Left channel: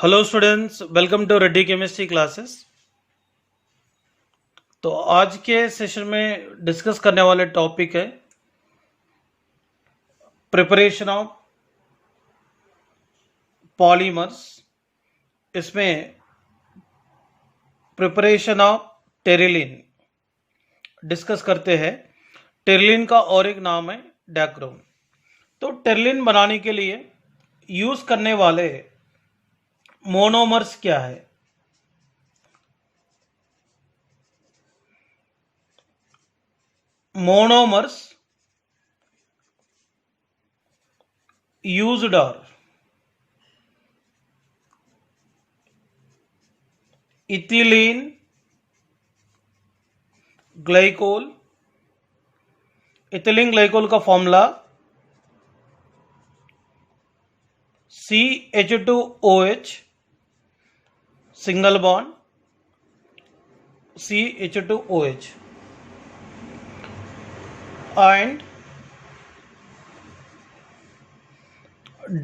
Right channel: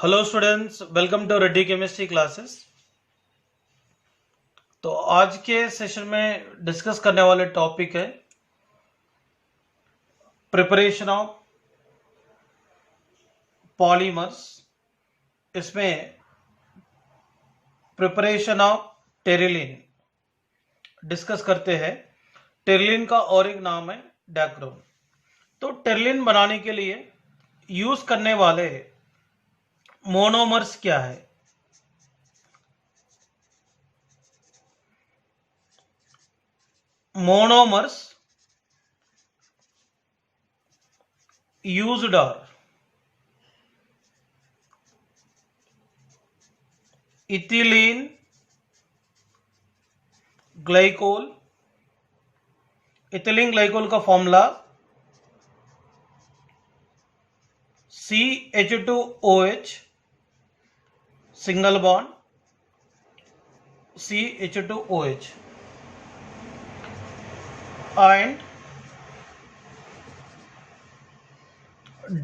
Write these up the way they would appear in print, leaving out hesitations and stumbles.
Hello students, welcome to Reddy chemistry classes. तो आज के सेशन में डिस्कस करने वाले टॉपिक है प्रिपरेशन ऑफ पॉलीमर्स। इसमें प्रिपरेशन ऑफ टेरिलिन डिस्कस करते हैं। टेरिलिन का और एक नाम है डैक्रोन। तो टेरिलिन बनाने के लिए यूज करने वाले मोनोमर्स क्या है? Monomers used are ethylene glycol. Ethylene glycol का formula CH2OH single bond CH2OH and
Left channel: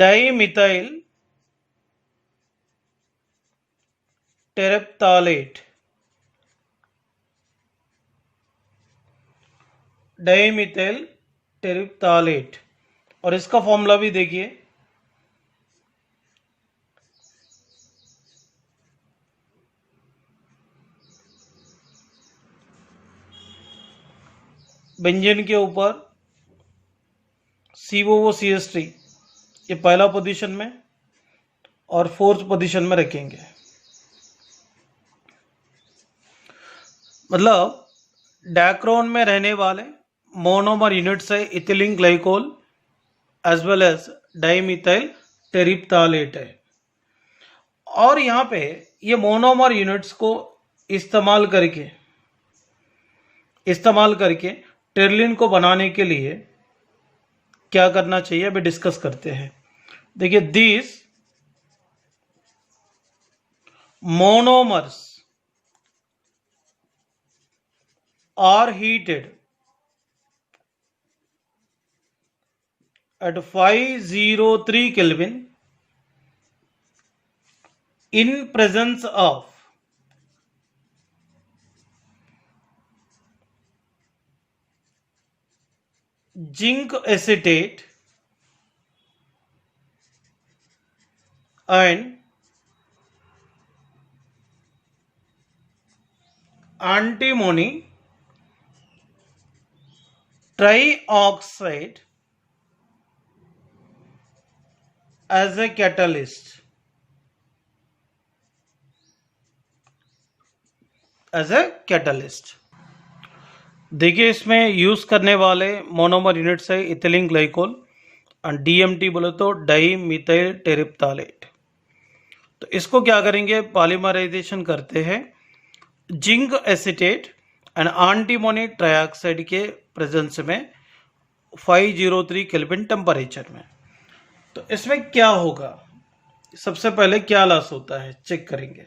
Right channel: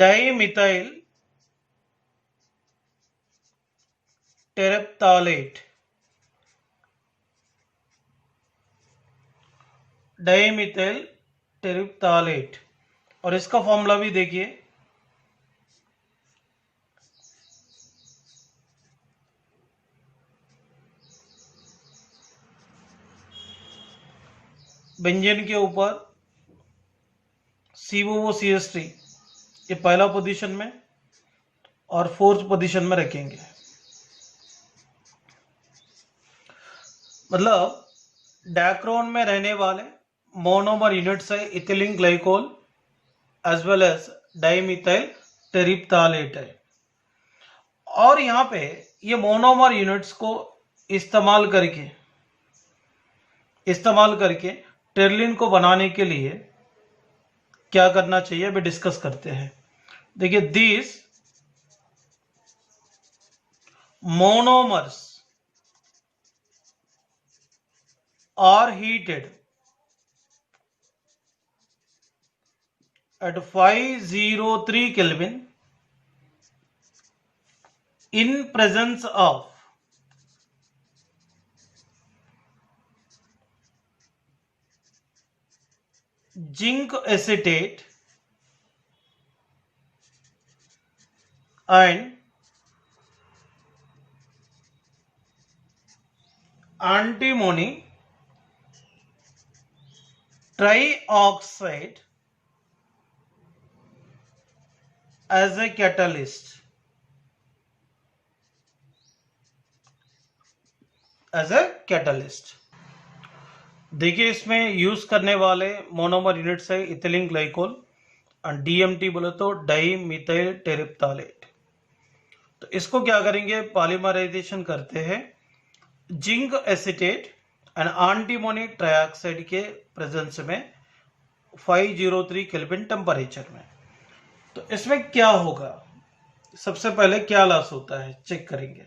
dimethyl terephthalate। Dimethyl terephthalate और इसका फॉर्मूला भी देखिए बेंजीन के ऊपर COOCH3 ये पहला पोजीशन में और फोर्थ पोजीशन में रखेंगे। मतलब डैक्रोन में रहने वाले मोनोमर यूनिट्स है ethylene glycol as well as dimethyl terephthalate है। और यहाँ पे ये मोनोमर यूनिट्स को इस्तेमाल करके टेरिलिन को बनाने के लिए क्या करना चाहिए अभी डिस्कस करते हैं। देखिए, this monomers are heated at 503 Kelvin in presence of zinc acetate and antimony trioxide as a catalyst। देखिए, इसमें यूज करने वाले मोनोमर यूनिट्स है इथिलीन ग्लाइकोल और DMT बोले तो डाई मिथाइल टेरिप्थालेट। तो इसको क्या करेंगे, पॉलीमराइजेशन करते हैं zinc acetate and antimony trioxide के प्रेजेंस में 503 केल्विन टेम्परेचर में। तो इसमें क्या होगा, सबसे पहले क्या लॉस होता है चेक करेंगे।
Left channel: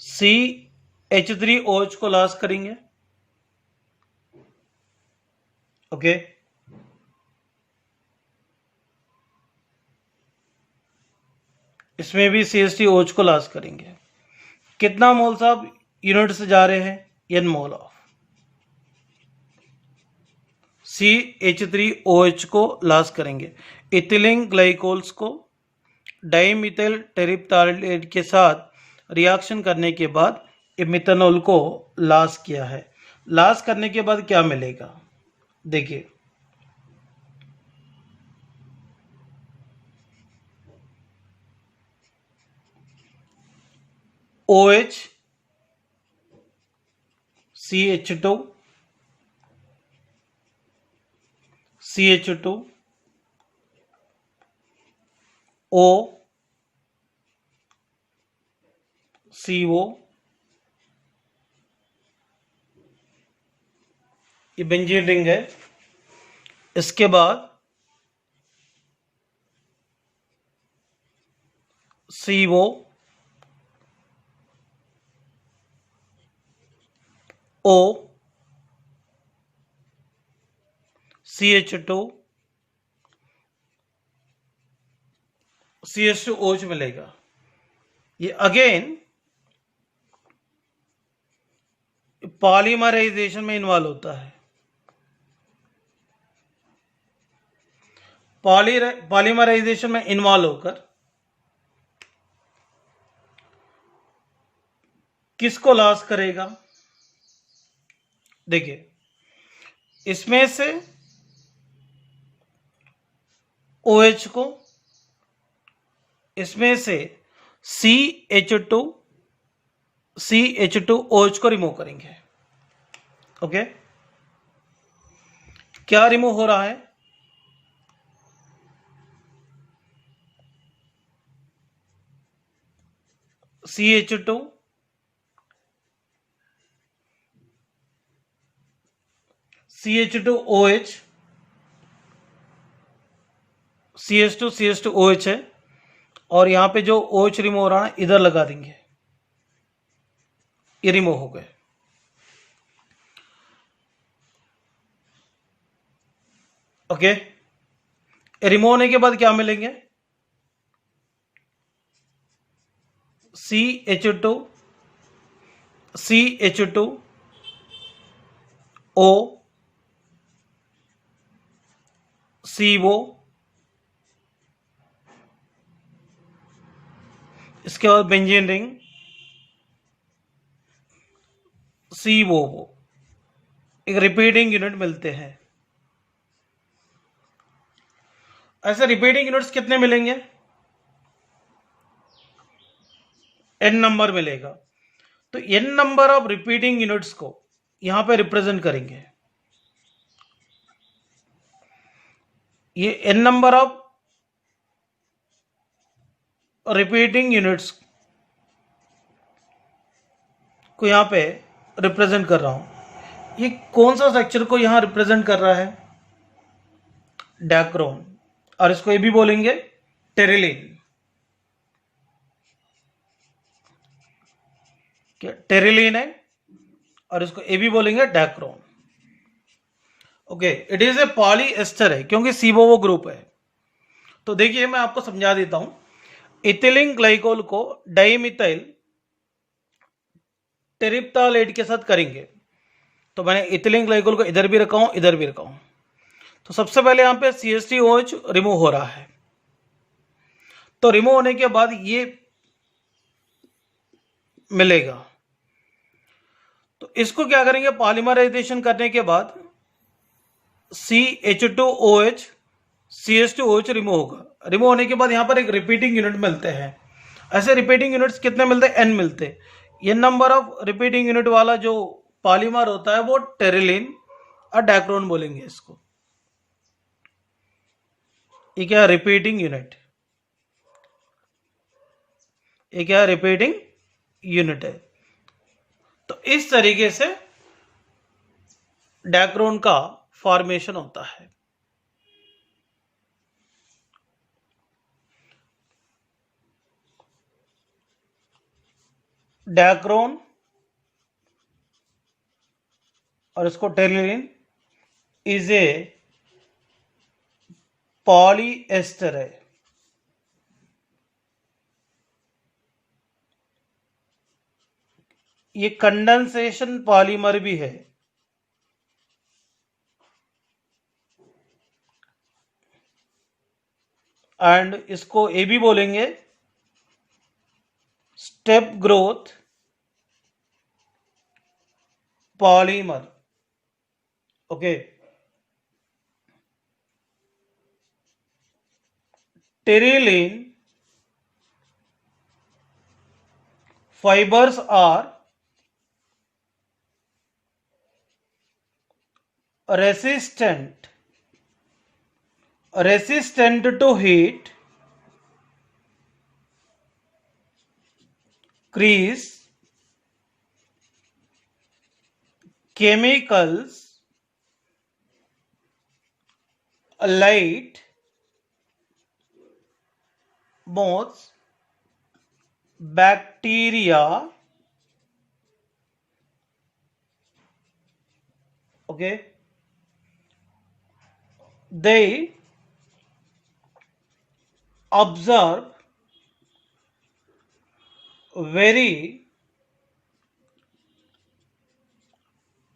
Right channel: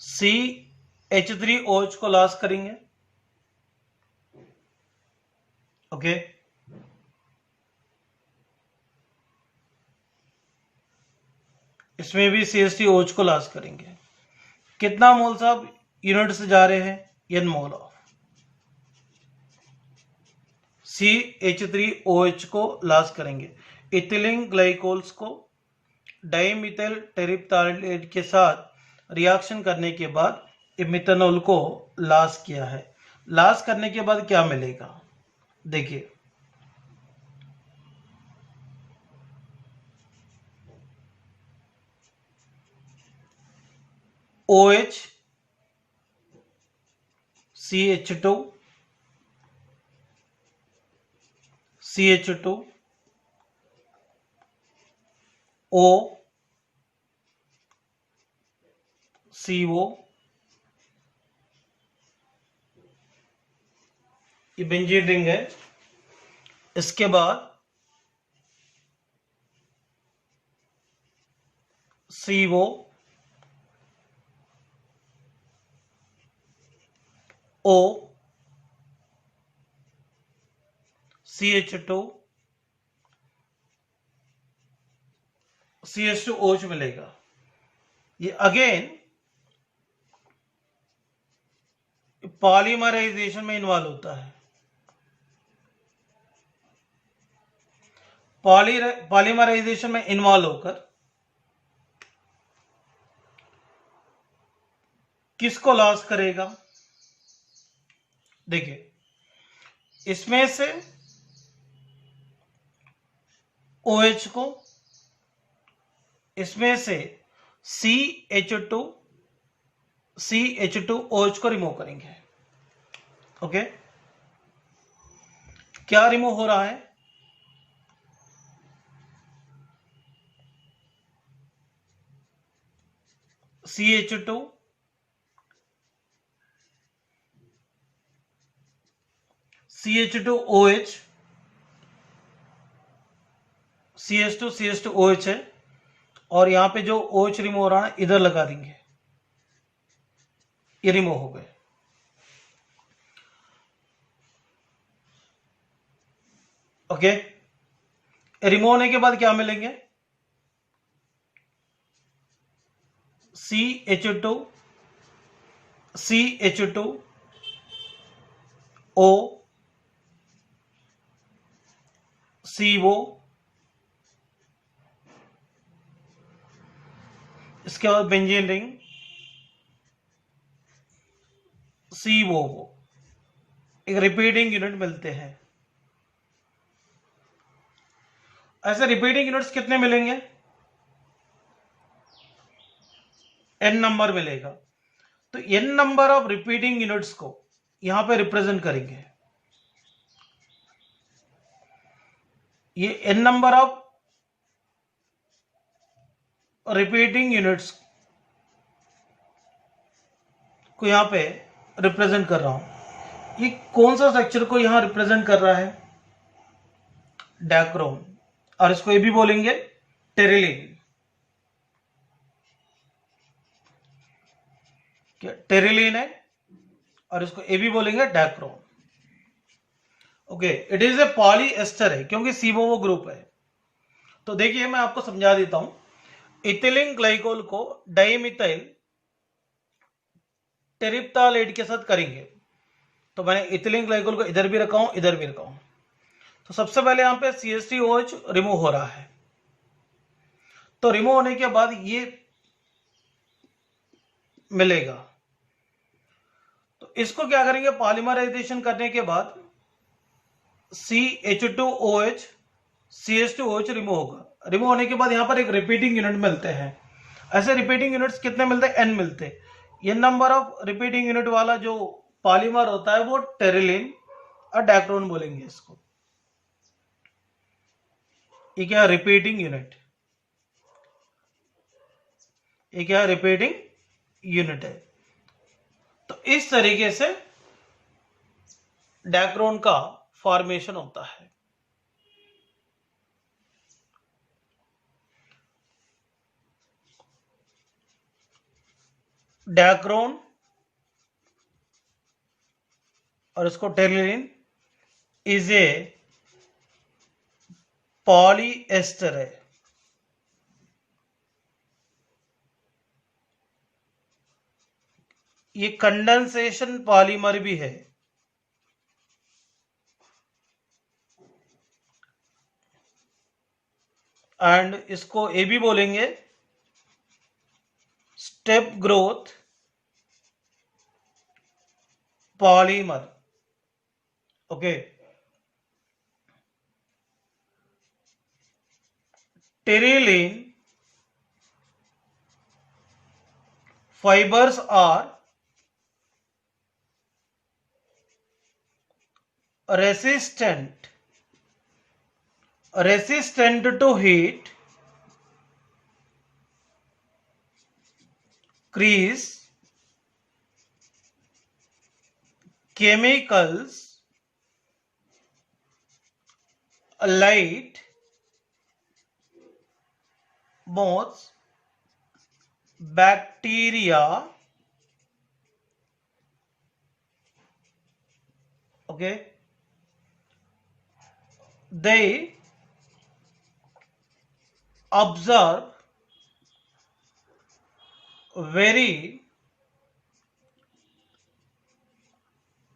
CH3OH को लॉस करेंगे, ओके। इसमें भी CH3OH को लॉस करेंगे। कितना मोल साहब यूनिट से जा रहे हैं, n मोल ऑफ CH3OH को लॉस करेंगे। इथिलीन ग्लाइकोल्स को डाइमिथाइल टेरिप्थालेट के साथ रिएक्शन करने के बाद मिथेनॉल को लॉस किया है। लॉस करने के बाद क्या मिलेगा, देखिए OH CH2 CH2 O CO, ये बेंजीन रिंग है। इसके बाद CO O CH2 CH2 OH मिलेगा। ये अगेन पॉलीमराइजेशन में इन्वॉल्व होता है। पॉलीमराइजेशन में इन्वॉल्व होकर किसको लॉस करेगा? देखिए, इसमें से OH को, इसमें से CH2OH को रिमूव करेंगे। ओके, क्या रिमूव हो रहा है? CH2 CH2OH CH2OH है, और यहां पे जो OH रिमूव हो रहा है इधर लगा देंगे, ये रिमूव हो गए। ओके, रिमूव होने के बाद क्या मिलेंगे? CH2 O CO, इसके बाद बेंजीन रिंग CO, एक रिपीटिंग यूनिट मिलते हैं। ऐसे रिपीटिंग यूनिट्स कितने मिलेंगे? n नंबर मिलेगा। तो n number of repeating units को यहां पे रिप्रेजेंट करेंगे। ये n number of repeating units को यहां पे रिप्रेजेंट कर रहा हूं। ये कौन सा स्ट्रक्चर को यहां रिप्रेजेंट कर रहा है? डैक्रोन, और इसको ये भी बोलेंगे टेरिलीन। टेरिलीन है, और इसको ये भी बोलेंगे Dacron. Okay, it is a polyester है क्योंकि सीवोवो ग्रुप है। तो देखिए, मैं आपको समझा देता हूं। इथिलीन ग्लाइकोल को डाइमिथाइल टेरिप्टालेट के साथ करेंगे। तो मैंने इथिलीन ग्लाइकोल को इधर भी रखा हूं, इधर भी रखा हूं। तो सबसे पहले यहां पे CH3OH रिमूव हो रहा है। तो रिमूव होने के बाद ये मिलेगा। तो इसको क्या करेंगे? पॉलीमराइजेशन करने के बाद CH2OH CH2OH रिमूव होगा। रिमूव होने के बाद यहां पर एक रिपीटिंग यूनिट मिलते हैं। ऐसे रिपीटिंग यूनिट्स कितने मिलते हैं? n मिलते हैं। ये नंबर ऑफ रिपीटिंग यूनिट वाला जो पॉलीमर होता है वो टेरिलीन और डैक्रोन बोलेंगे इसको। ये क्या? Repeating unit. ये क्या? रिपीटिंग यूनिट है। तो इस तरीके से डैक्रोन का फॉर्मेशन होता है। डैक्रोन और इसको टेरिलीन इज ए पॉलीएस्टर है। ये कंडेंसेशन पॉलीमर भी है। एंड इसको ये भी बोलेंगे step growth polymer. Okay, terylene fibers are resistant to heat, crease, chemicals, light, moths, bacteria, Okay, they observe very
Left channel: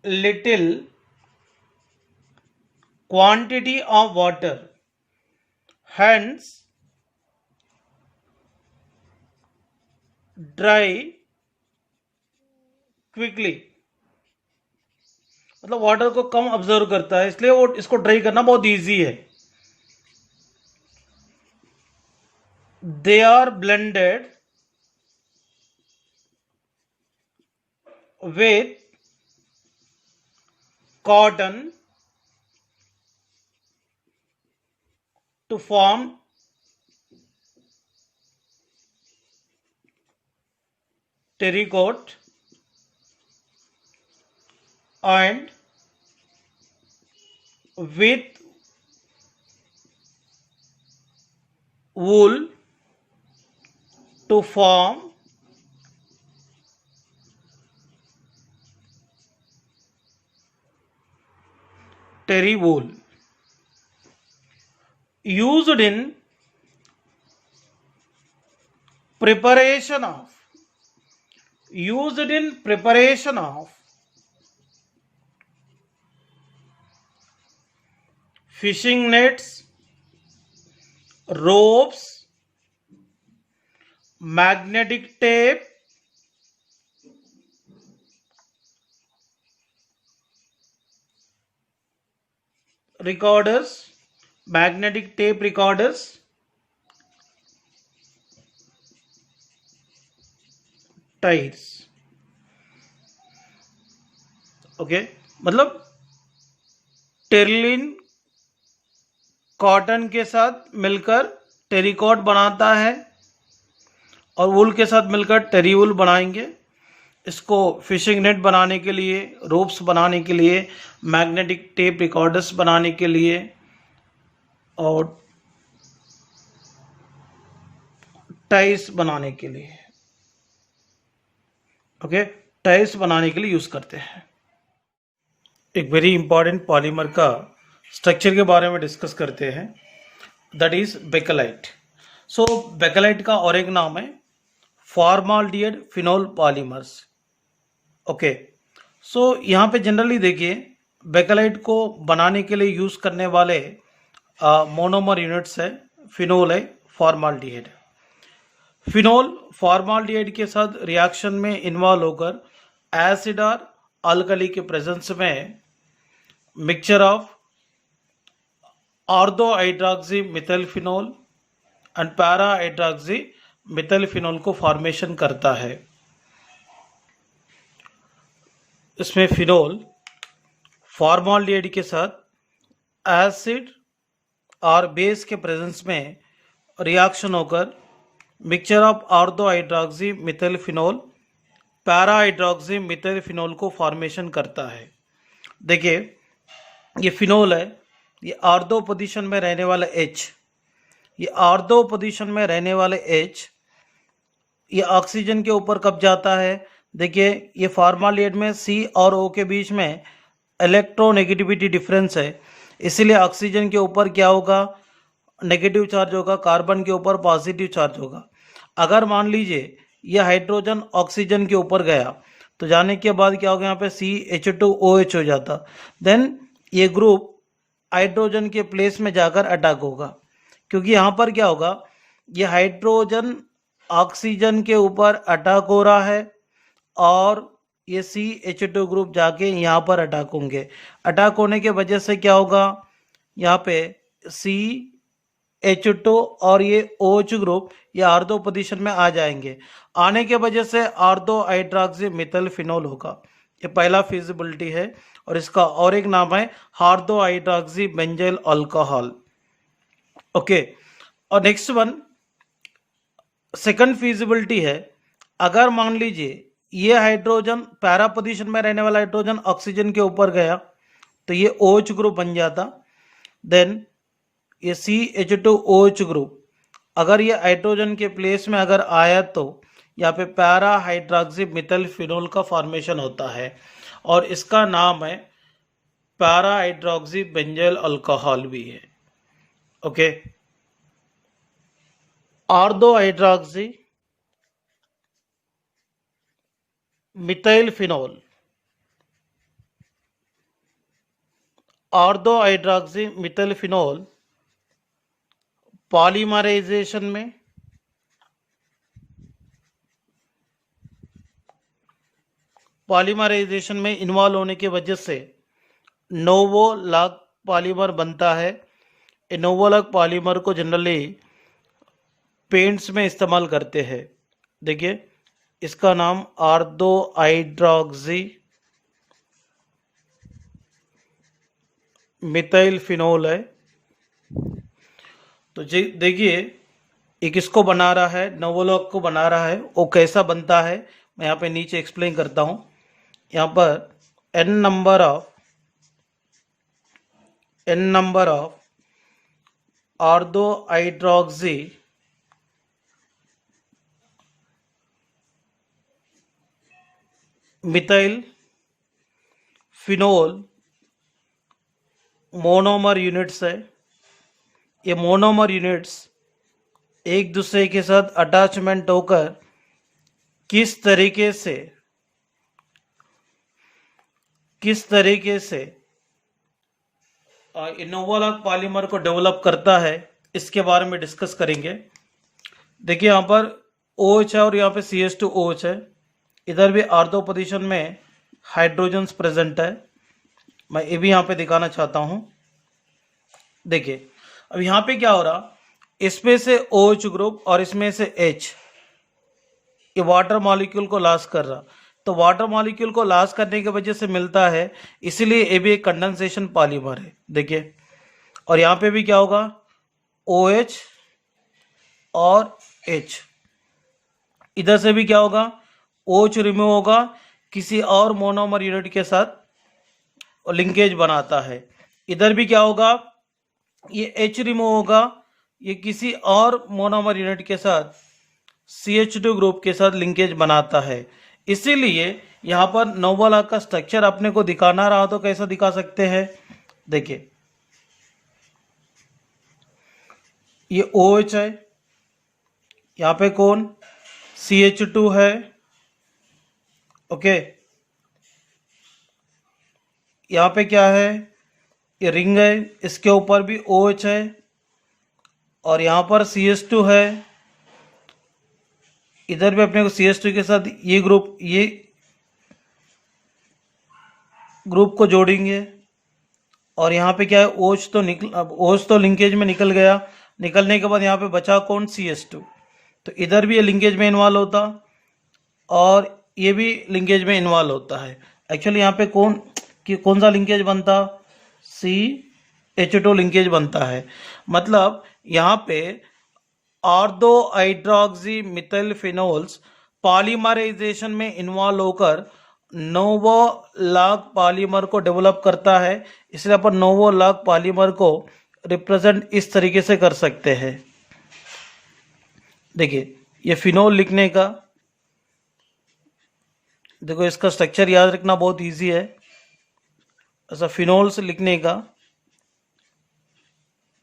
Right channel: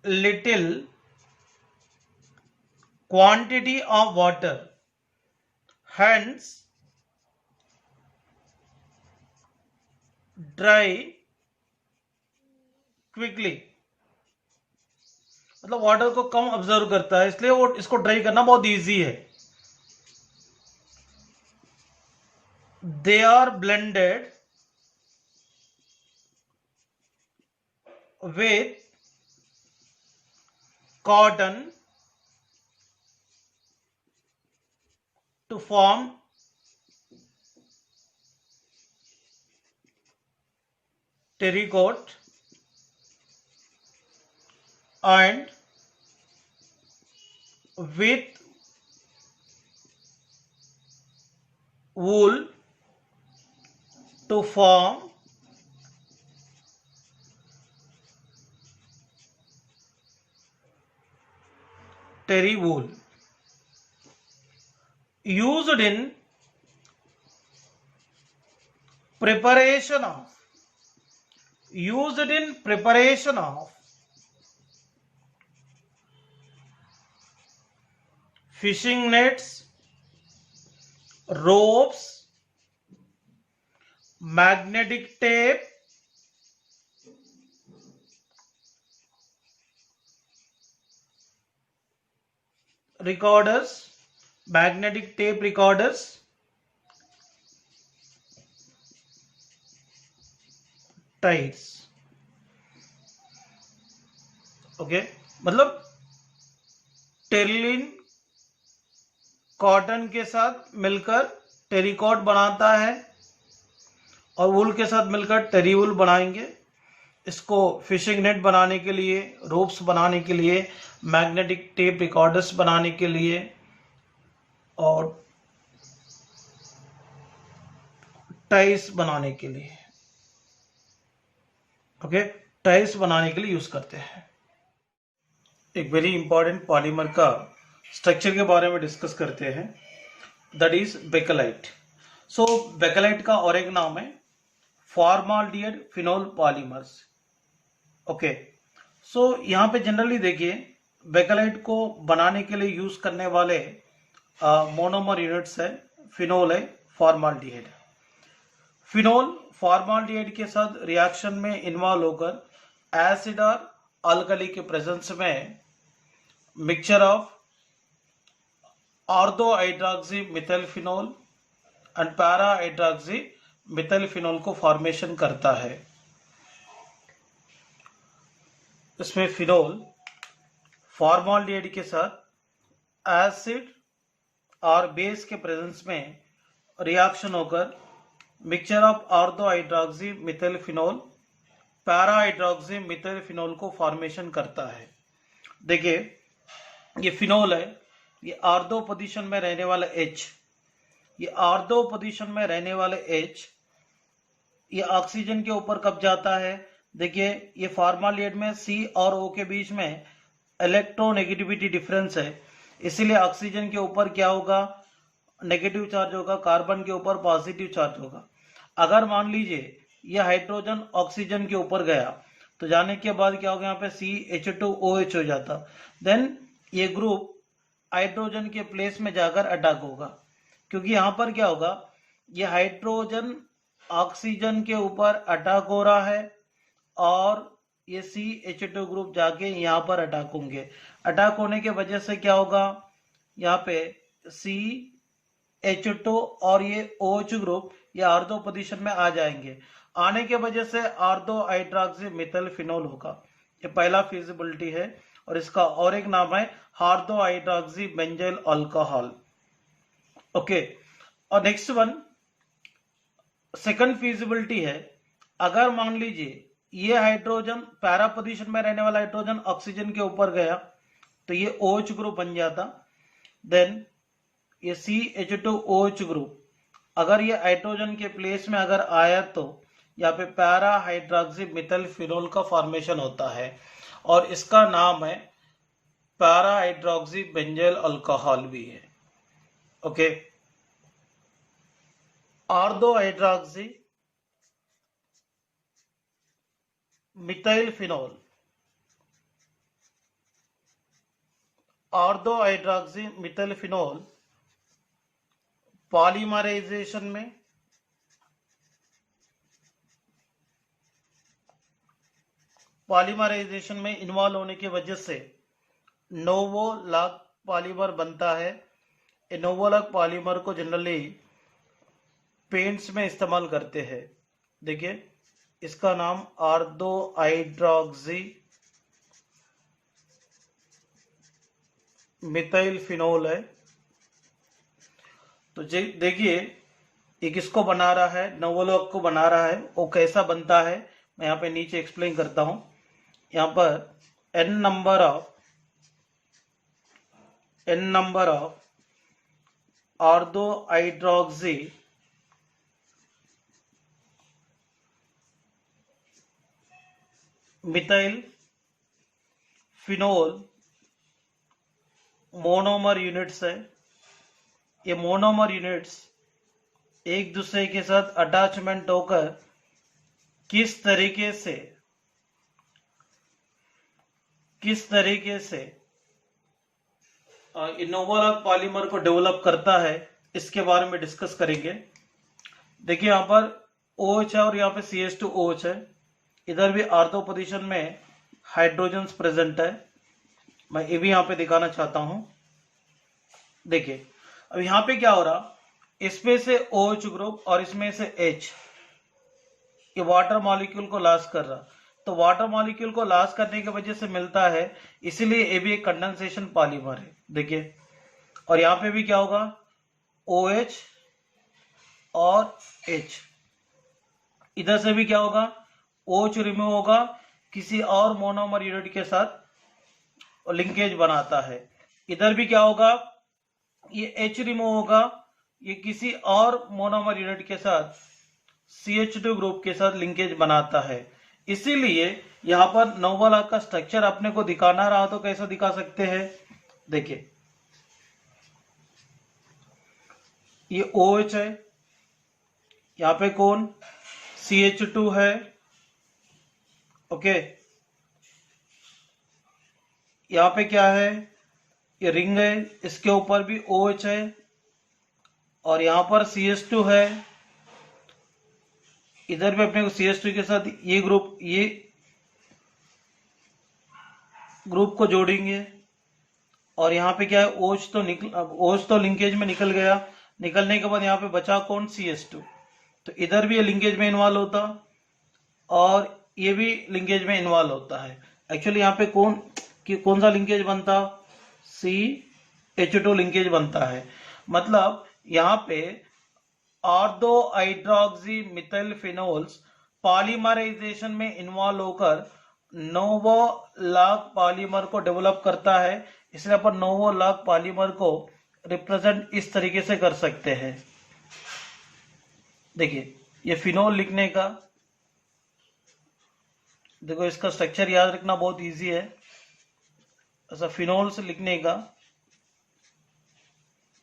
little quantity of water, hence dry quickly. मतलब water को कम ऑब्जर्व करता है, इसलिए वो इसको ड्राई करना बहुत इजी है. They are blended with cotton to form terracotta and with wool to form terry wool. Used in preparation of fishing nets, ropes, magnetic tape, recorders, magnetic tape recorders, tights. Okay, मतलब Terylene cotton के साथ मिलकर टेरिकॉट बनाता है और वूल के साथ मिलकर टेरी वूल बनाएंगे. इसको फिशिंग नेट बनाने के लिए, रोप्स बनाने के लिए, मैग्नेटिक टेप रिकॉर्डर्स बनाने के लिए और टाइस बनाने के लिए, ओके, टाइल्स बनाने के लिए यूज करते हैं. एक वेरी इंपॉर्टेंट पॉलीमर का स्ट्रक्चर के बारे में डिस्कस करते हैं, that is bakelite. So bakelite का और एक नाम है फॉर्माल्डिहाइड फिनोल पॉलीमर्स. ओके, सो यहाँ पे जनरली देखिए बेकेलाइट को बनाने के लिए यूज करने वाले मोनोमर यूनिट्स है, फिनोल है, फॉर्माल्डिहाइड. फिनोल फॉर्माल्डिहाइड के साथ रिएक्शन में इन्वॉल्व होकर एसिड और अल्कली के प्रेजेंस में mixture of ortho hydroxy methyl phenol and para hydroxy methyl phenol को फॉर्मेशन करता है. इसमें फिनोल फॉर्माल्डिहाइड के साथ एसिड और बेस के प्रेजेंस में रिएक्शन होकर mixture of ortho hydroxy methyl phenol para hydroxy methyl phenol को फॉर्मेशन करता है. देखिए ये फिनोल है, ये ऑर्थो पोजीशन में रहने वाला H, ये ऑर्थो पोजीशन में रहने वाले H ये ऑक्सीजन के ऊपर कब जाता है. देखिए ये फॉर्माल्डिहाइड में C और O के बीच में इलेक्ट्रोनेगेटिविटी डिफरेंस है, इसीलिए ऑक्सीजन के ऊपर क्या होगा, नेगेटिव चार्ज होगा, कार्बन के ऊपर पॉजिटिव चार्ज होगा. अगर मान लीजिए यह हाइड्रोजन ऑक्सीजन के ऊपर गया तो जाने के बाद क्या होगा, यहाँ पे CH2OH हो जाता, देन ये ग्रुप हाइड्रोजन के प्लेस में जाकर अटैक होगा. क्योंकि यहाँ पर क्या होगा, ये हाइड्रोजन ऑक्सीजन के ऊपर अटैक हो रहा है और ये CH2 ग्रुप जाके यहाँ पर अटैक होंगे. अटैक होने के वजह से क्या होगा, यहाँ पे CH2 और ये OH ग्रुप ये ऑर्थो पोजीशन में आ जाएंगे. आने के वजह से ऑर्थो हाइड्रोक्सी मिथाइल फिनोल होगा. ये पहला फिजिबिलिटी है और इसका और एक नाम है ortho hydroxy benzyl alcohol. Okay, और नेक्स्ट वन सेकंड फिजिबिलिटी है, अगर मान लीजिए ये हाइड्रोजन पैरा पोजीशन में रहने वाला हाइड्रोजन ऑक्सीजन के ऊपर गया तो ये OH ग्रुप बन जाता, देन ये CH2OH ग्रुप अगर ये हाइड्रोजन के प्लेस में अगर आया तो यहाँ पे पैरा हाइड्रोक्सी मिथाइल फिनोल का फॉर्मेशन होता है और इसका नाम है पैरा हाइड्रोक्सी बेंजाइल अल्कोहल भी है। Okay, ortho hydroxy methyl phenol, ortho hydroxy methyl phenol polymerisation में इन्वॉल्व होने की वजह से नोवोलॉग पॉलीमर बनता है। ये नोवोलॉग पॉलीमर को जनरली पेंट्स में इस्तेमाल करते हैं। देखिए, इसका नाम ऑर्थो हाइड्रोक्सी मिथाइल फिनोल है। तो जी देखिए, ये किसको बना रहा है, नोवोलॉग को बना रहा है। वो कैसा बनता है मैं यहाँ पे नीचे एक्सप्लेन करता हूँ। यहाँ पर n number of ortho hydroxy methyl phenol monomer units है। ये मोनोमर यूनिट्स एक दूसरे के साथ अटैचमेंट होकर किस तरीके से नोवोलॉग पॉलीमर को डेवलप करता है, इसके बारे में डिस्कस करेंगे। देखिए, यहाँ पर OH है और यहाँ पे CH2OH है। इधर भी ऑर्थो पोजीशन में हाइड्रोजन्स प्रेजेंट है। मैं ये भी यहाँ पे दिखाना चाहता हूँ। देखिए, अब यहाँ पे क्या हो रहा, इसमें से OH ग्रुप और इसमें से H, ये वाटर मॉलिक्यूल को लॉस कर रहा। तो वाटर मॉलिक्यूल को लॉस करने की वजह से मिलता है, इसीलिए ये भी एक कंडेंसेशन पॉलीमर है। देखिए, और यहाँ पे भी क्या होगा, OH और H, इधर से भी क्या होगा, OH रिमूव होगा, किसी और मोनोमर यूनिट के साथ लिंकेज बनाता है। इधर भी क्या होगा, ये H रिमूव होगा, ये किसी और मोनोमर यूनिट के साथ CH2 ग्रुप के साथ लिंकेज बनाता है। इसीलिए यहाँ पर नोवोलॉग का स्ट्रक्चर अपने को दिखाना रहा तो कैसा दिखा सकते हैं। देखिए, ये OH है, यहाँ पे कौन, CH2 है। ओके, यहाँ पे क्या है, ये रिंग है, इसके ऊपर भी OH है और यहाँ पर CH2 है। इधर भी अपने को CH2 के साथ ये ग्रुप को जोड़ेंगे और यहाँ पे क्या है, OH तो लिंकेज में निकल गया। निकलने के बाद यहाँ पे बचा कौन, CH2। तो इधर भी ये लिंकेज में इन्वॉल्व होता और ये भी लिंकेज में इन्वॉल्व होता है। एक्चुअली यहाँ पे कौन सा लिंकेज बनता, CH2 लिंकेज बनता है। मतलब यहाँ पे ortho hydroxy methyl phenols polymerisation में इन्वॉल्व होकर नोवोलॉग पॉलीमर को डेवलप करता है। इसलिए अपन नोवोलॉग पॉलीमर को रिप्रेजेंट इस तरीके से कर सकते हैं। देखिए, ये फिनोल लिखने का, देखो इसका स्ट्रक्चर याद रखना बहुत इजी है। ऐसा फिनोल्स लिखने का,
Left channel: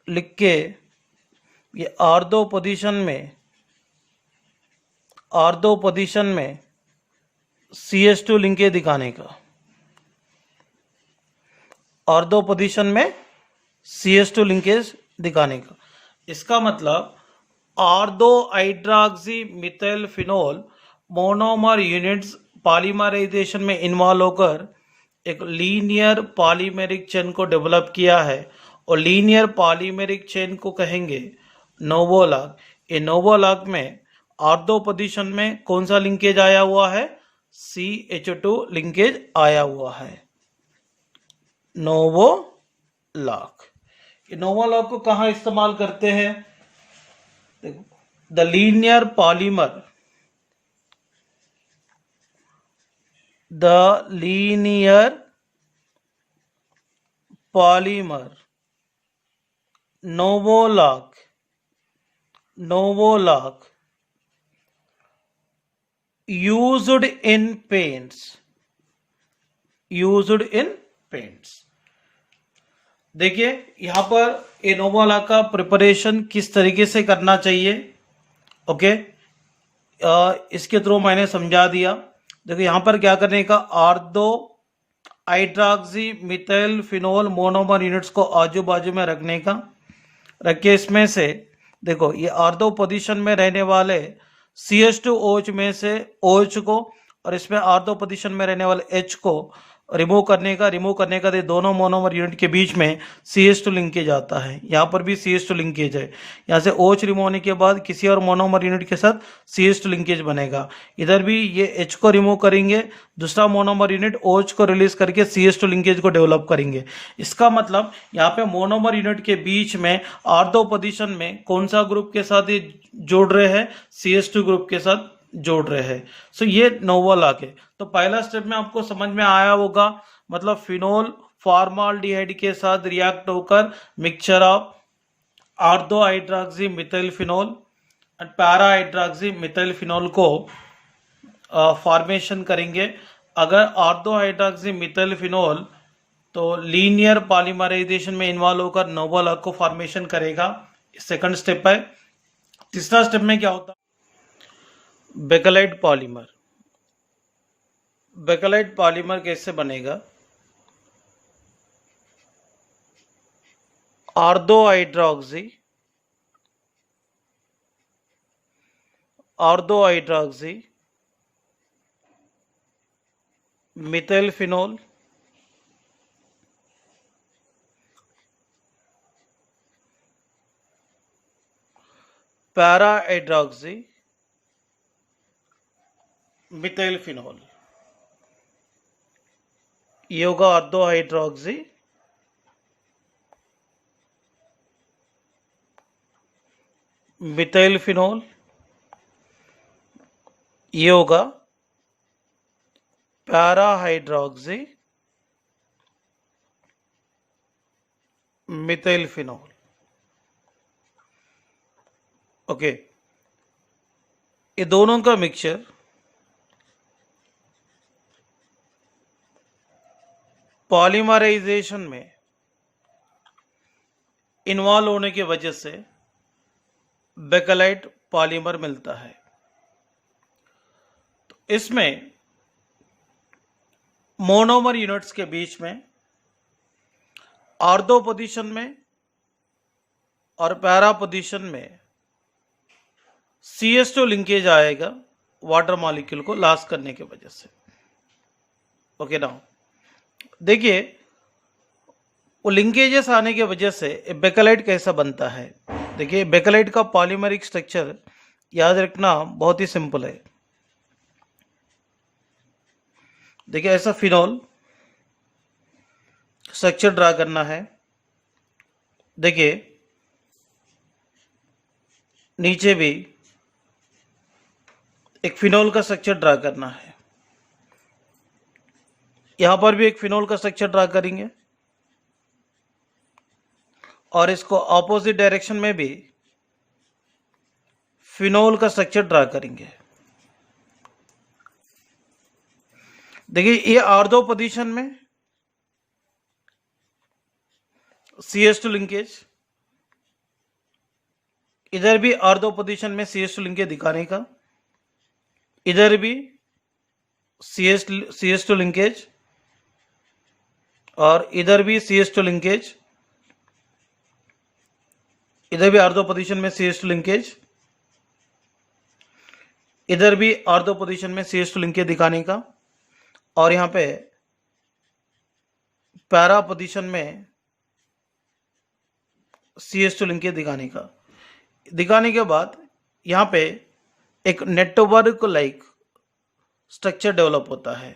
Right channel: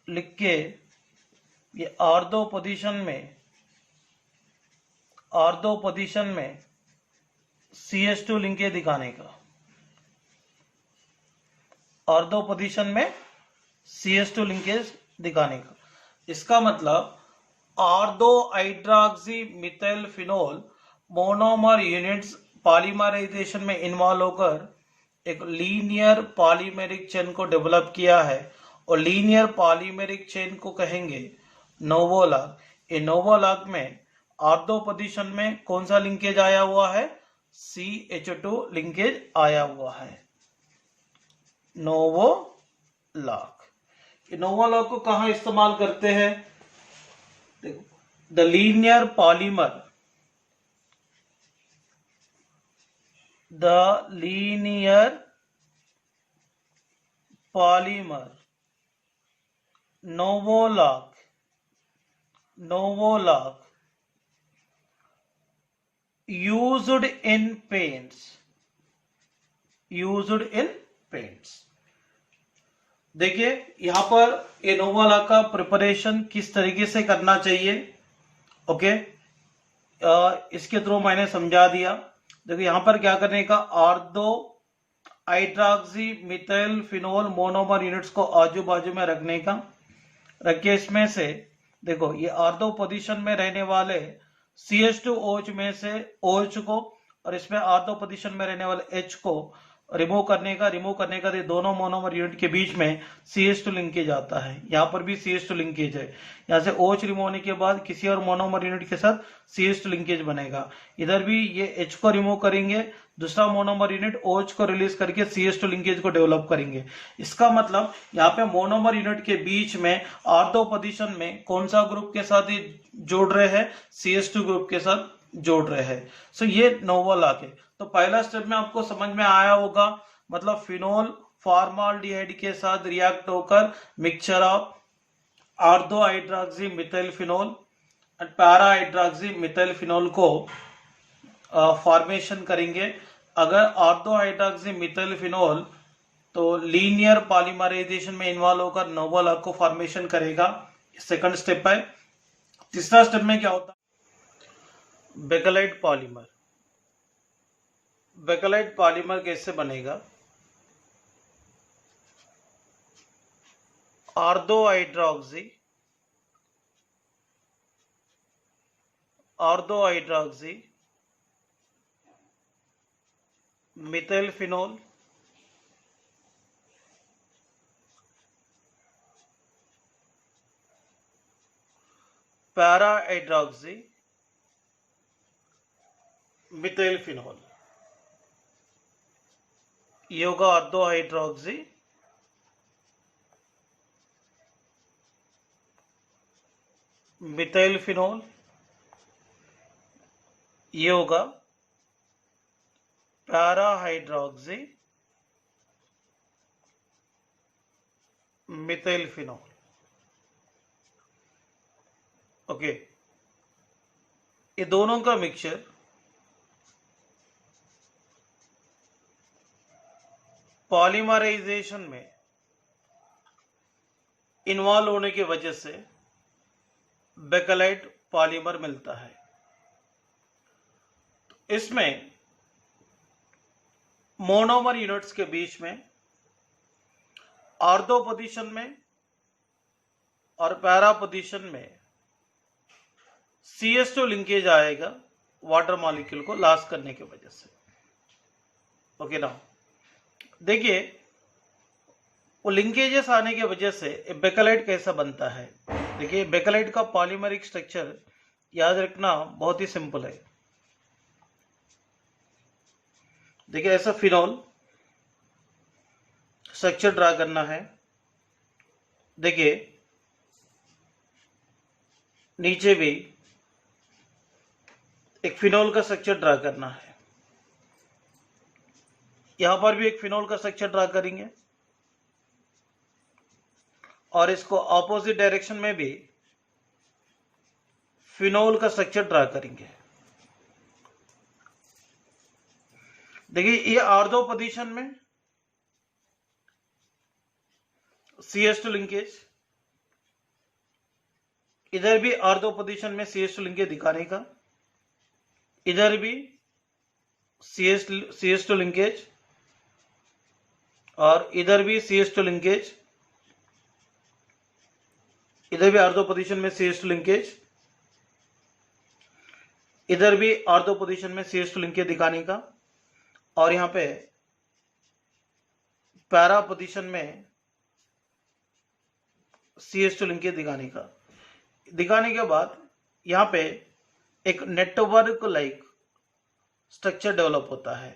लिख के ये ऑर्थो पोजीशन में CH2 लिंकेज दिखाने का, ऑर्थो पोजीशन में CH2 लिंकेज दिखाने का। इसका मतलब ortho hydroxy methyl phenol monomer units polymerisation में इन्वॉल्व होकर एक लीनियर पॉलीमेरिक चेन को डेवलप किया है और लीनियर पॉलीमेरिक चेन को कहेंगे नोवोलॉग। ये नोवोलॉग में ऑर्थो पोजीशन में कौन सा लिंकेज आया हुआ है, CH2 लिंकेज आया हुआ है, नोवोलॉग। ये नोवोलॉग को कहाँ इस्तेमाल करते हैं, the linear polymer novolac used in paints देखिए यहाँ पर इनोवा का प्रिपरेशन किस तरीके से करना चाहिए। ओके, इसके थ्रू मैंने समझा दिया। देखिए यहाँ पर क्या करने का, ortho hydroxy methyl phenol monomer units को आजू बाजू में रखने का। रख के इसमें से देखो ये आर्दो पोजीशन में रहने वाले CH2OH में से OH को और इसमें आर्दो पोजीशन में रहने वाले H को रिमूव करने का दोनों मोनोमर यूनिट के बीच में CH2 लिंकेज आता है। यहाँ पर भी CH2 लिंकेज है। यहाँ से OH रिमूव होने के बाद किसी और मोनोमर यूनिट के साथ CH2 लिंकेज बनेगा। इधर भी ये H को रिमूव करेंगे, दूसरा मोनोमर यूनिट OH को रिलीज करके CH2 लिंकेज को डेवलप करेंगे। इसका मतलब यहाँ पे मोनोमर यूनिट के बीच में आर्दो पोजीशन में कौन सा ग्रुप के साथ ये जोड़ रहे हैं, CH2 ग्रुप के साथ जोड़ रहे हैं। सो ये नोवल आके तो पहला स्टेप में आपको समझ में आया होगा, मतलब फिनोल फॉर्माल्डिहाइड के साथ रिएक्ट होकर mixture of ortho hydroxy methyl phenol and para hydroxy methyl phenol को फॉर्मेशन करेंगे। अगर आर्दो हाइड्रॉक्सी मिथाइल फिनोल तो लीनियर पॉलीमराइजेशन में इन्वॉल्व होकर नोवल आर्क को फॉर्मेशन करेगा। सेकंड स्टेप है। तीसरा स्टेप में क्या होता है, बेकेलाइट पॉलीमर। बेकेलाइट पॉलीमर कैसे बनेगा, ortho hydroxy methyl phenol para hydroxy methyl phenol, ये होगा आर्दो हाइड्रॉक्सी मिथाइल फिनोल, ये होगा para hydroxy methyl phenol. Okay, ये दोनों का मिक्सचर पॉलीमराइजेशन में इन्वॉल्व होने की वजह से बेकेलाइट पॉलीमर मिलता है। इसमें मोनोमर यूनिट्स के बीच में आर्दो पोजीशन में और पैरा पोजीशन में CH2 लिंकेज आएगा वाटर मॉलिक्यूल को लॉस करने की वजह से। ओके ना, देखिए वो लिंकेजेस आने की वजह से बेकेलाइट कैसा बनता है। देखिए बेकेलाइट का पॉलीमरिक स्ट्रक्चर याद रखना बहुत ही सिंपल है। देखिए ऐसा फिनोल स्ट्रक्चर ड्रा करना है। देखिए नीचे भी एक फिनोल का स्ट्रक्चर ड्रा करना है, यहां पर भी एक फिनोल का स्ट्रक्चर ड्रा करेंगे और इसको ऑपोजिट डायरेक्शन में भी फिनोल का स्ट्रक्चर ड्रा करेंगे। देखिए ये आर्दो पोजीशन में CH2 लिंकेज, इधर भी आर्दो पोजीशन में CH2 लिंकेज दिखाने का, इधर भी CH2 लिंकेज और इधर भी CH2 लिंकेज, इधर भी आर्दो पोजीशन में CH2 लिंकेज, इधर भी आर्दो पोजीशन में CH2 लिंकेज दिखाने का और यहां पे पैरा पोजीशन में CH2 लिंकेज दिखाने के बाद यहां पे एक नेटवर्क लाइक स्ट्रक्चर डेवलप होता है।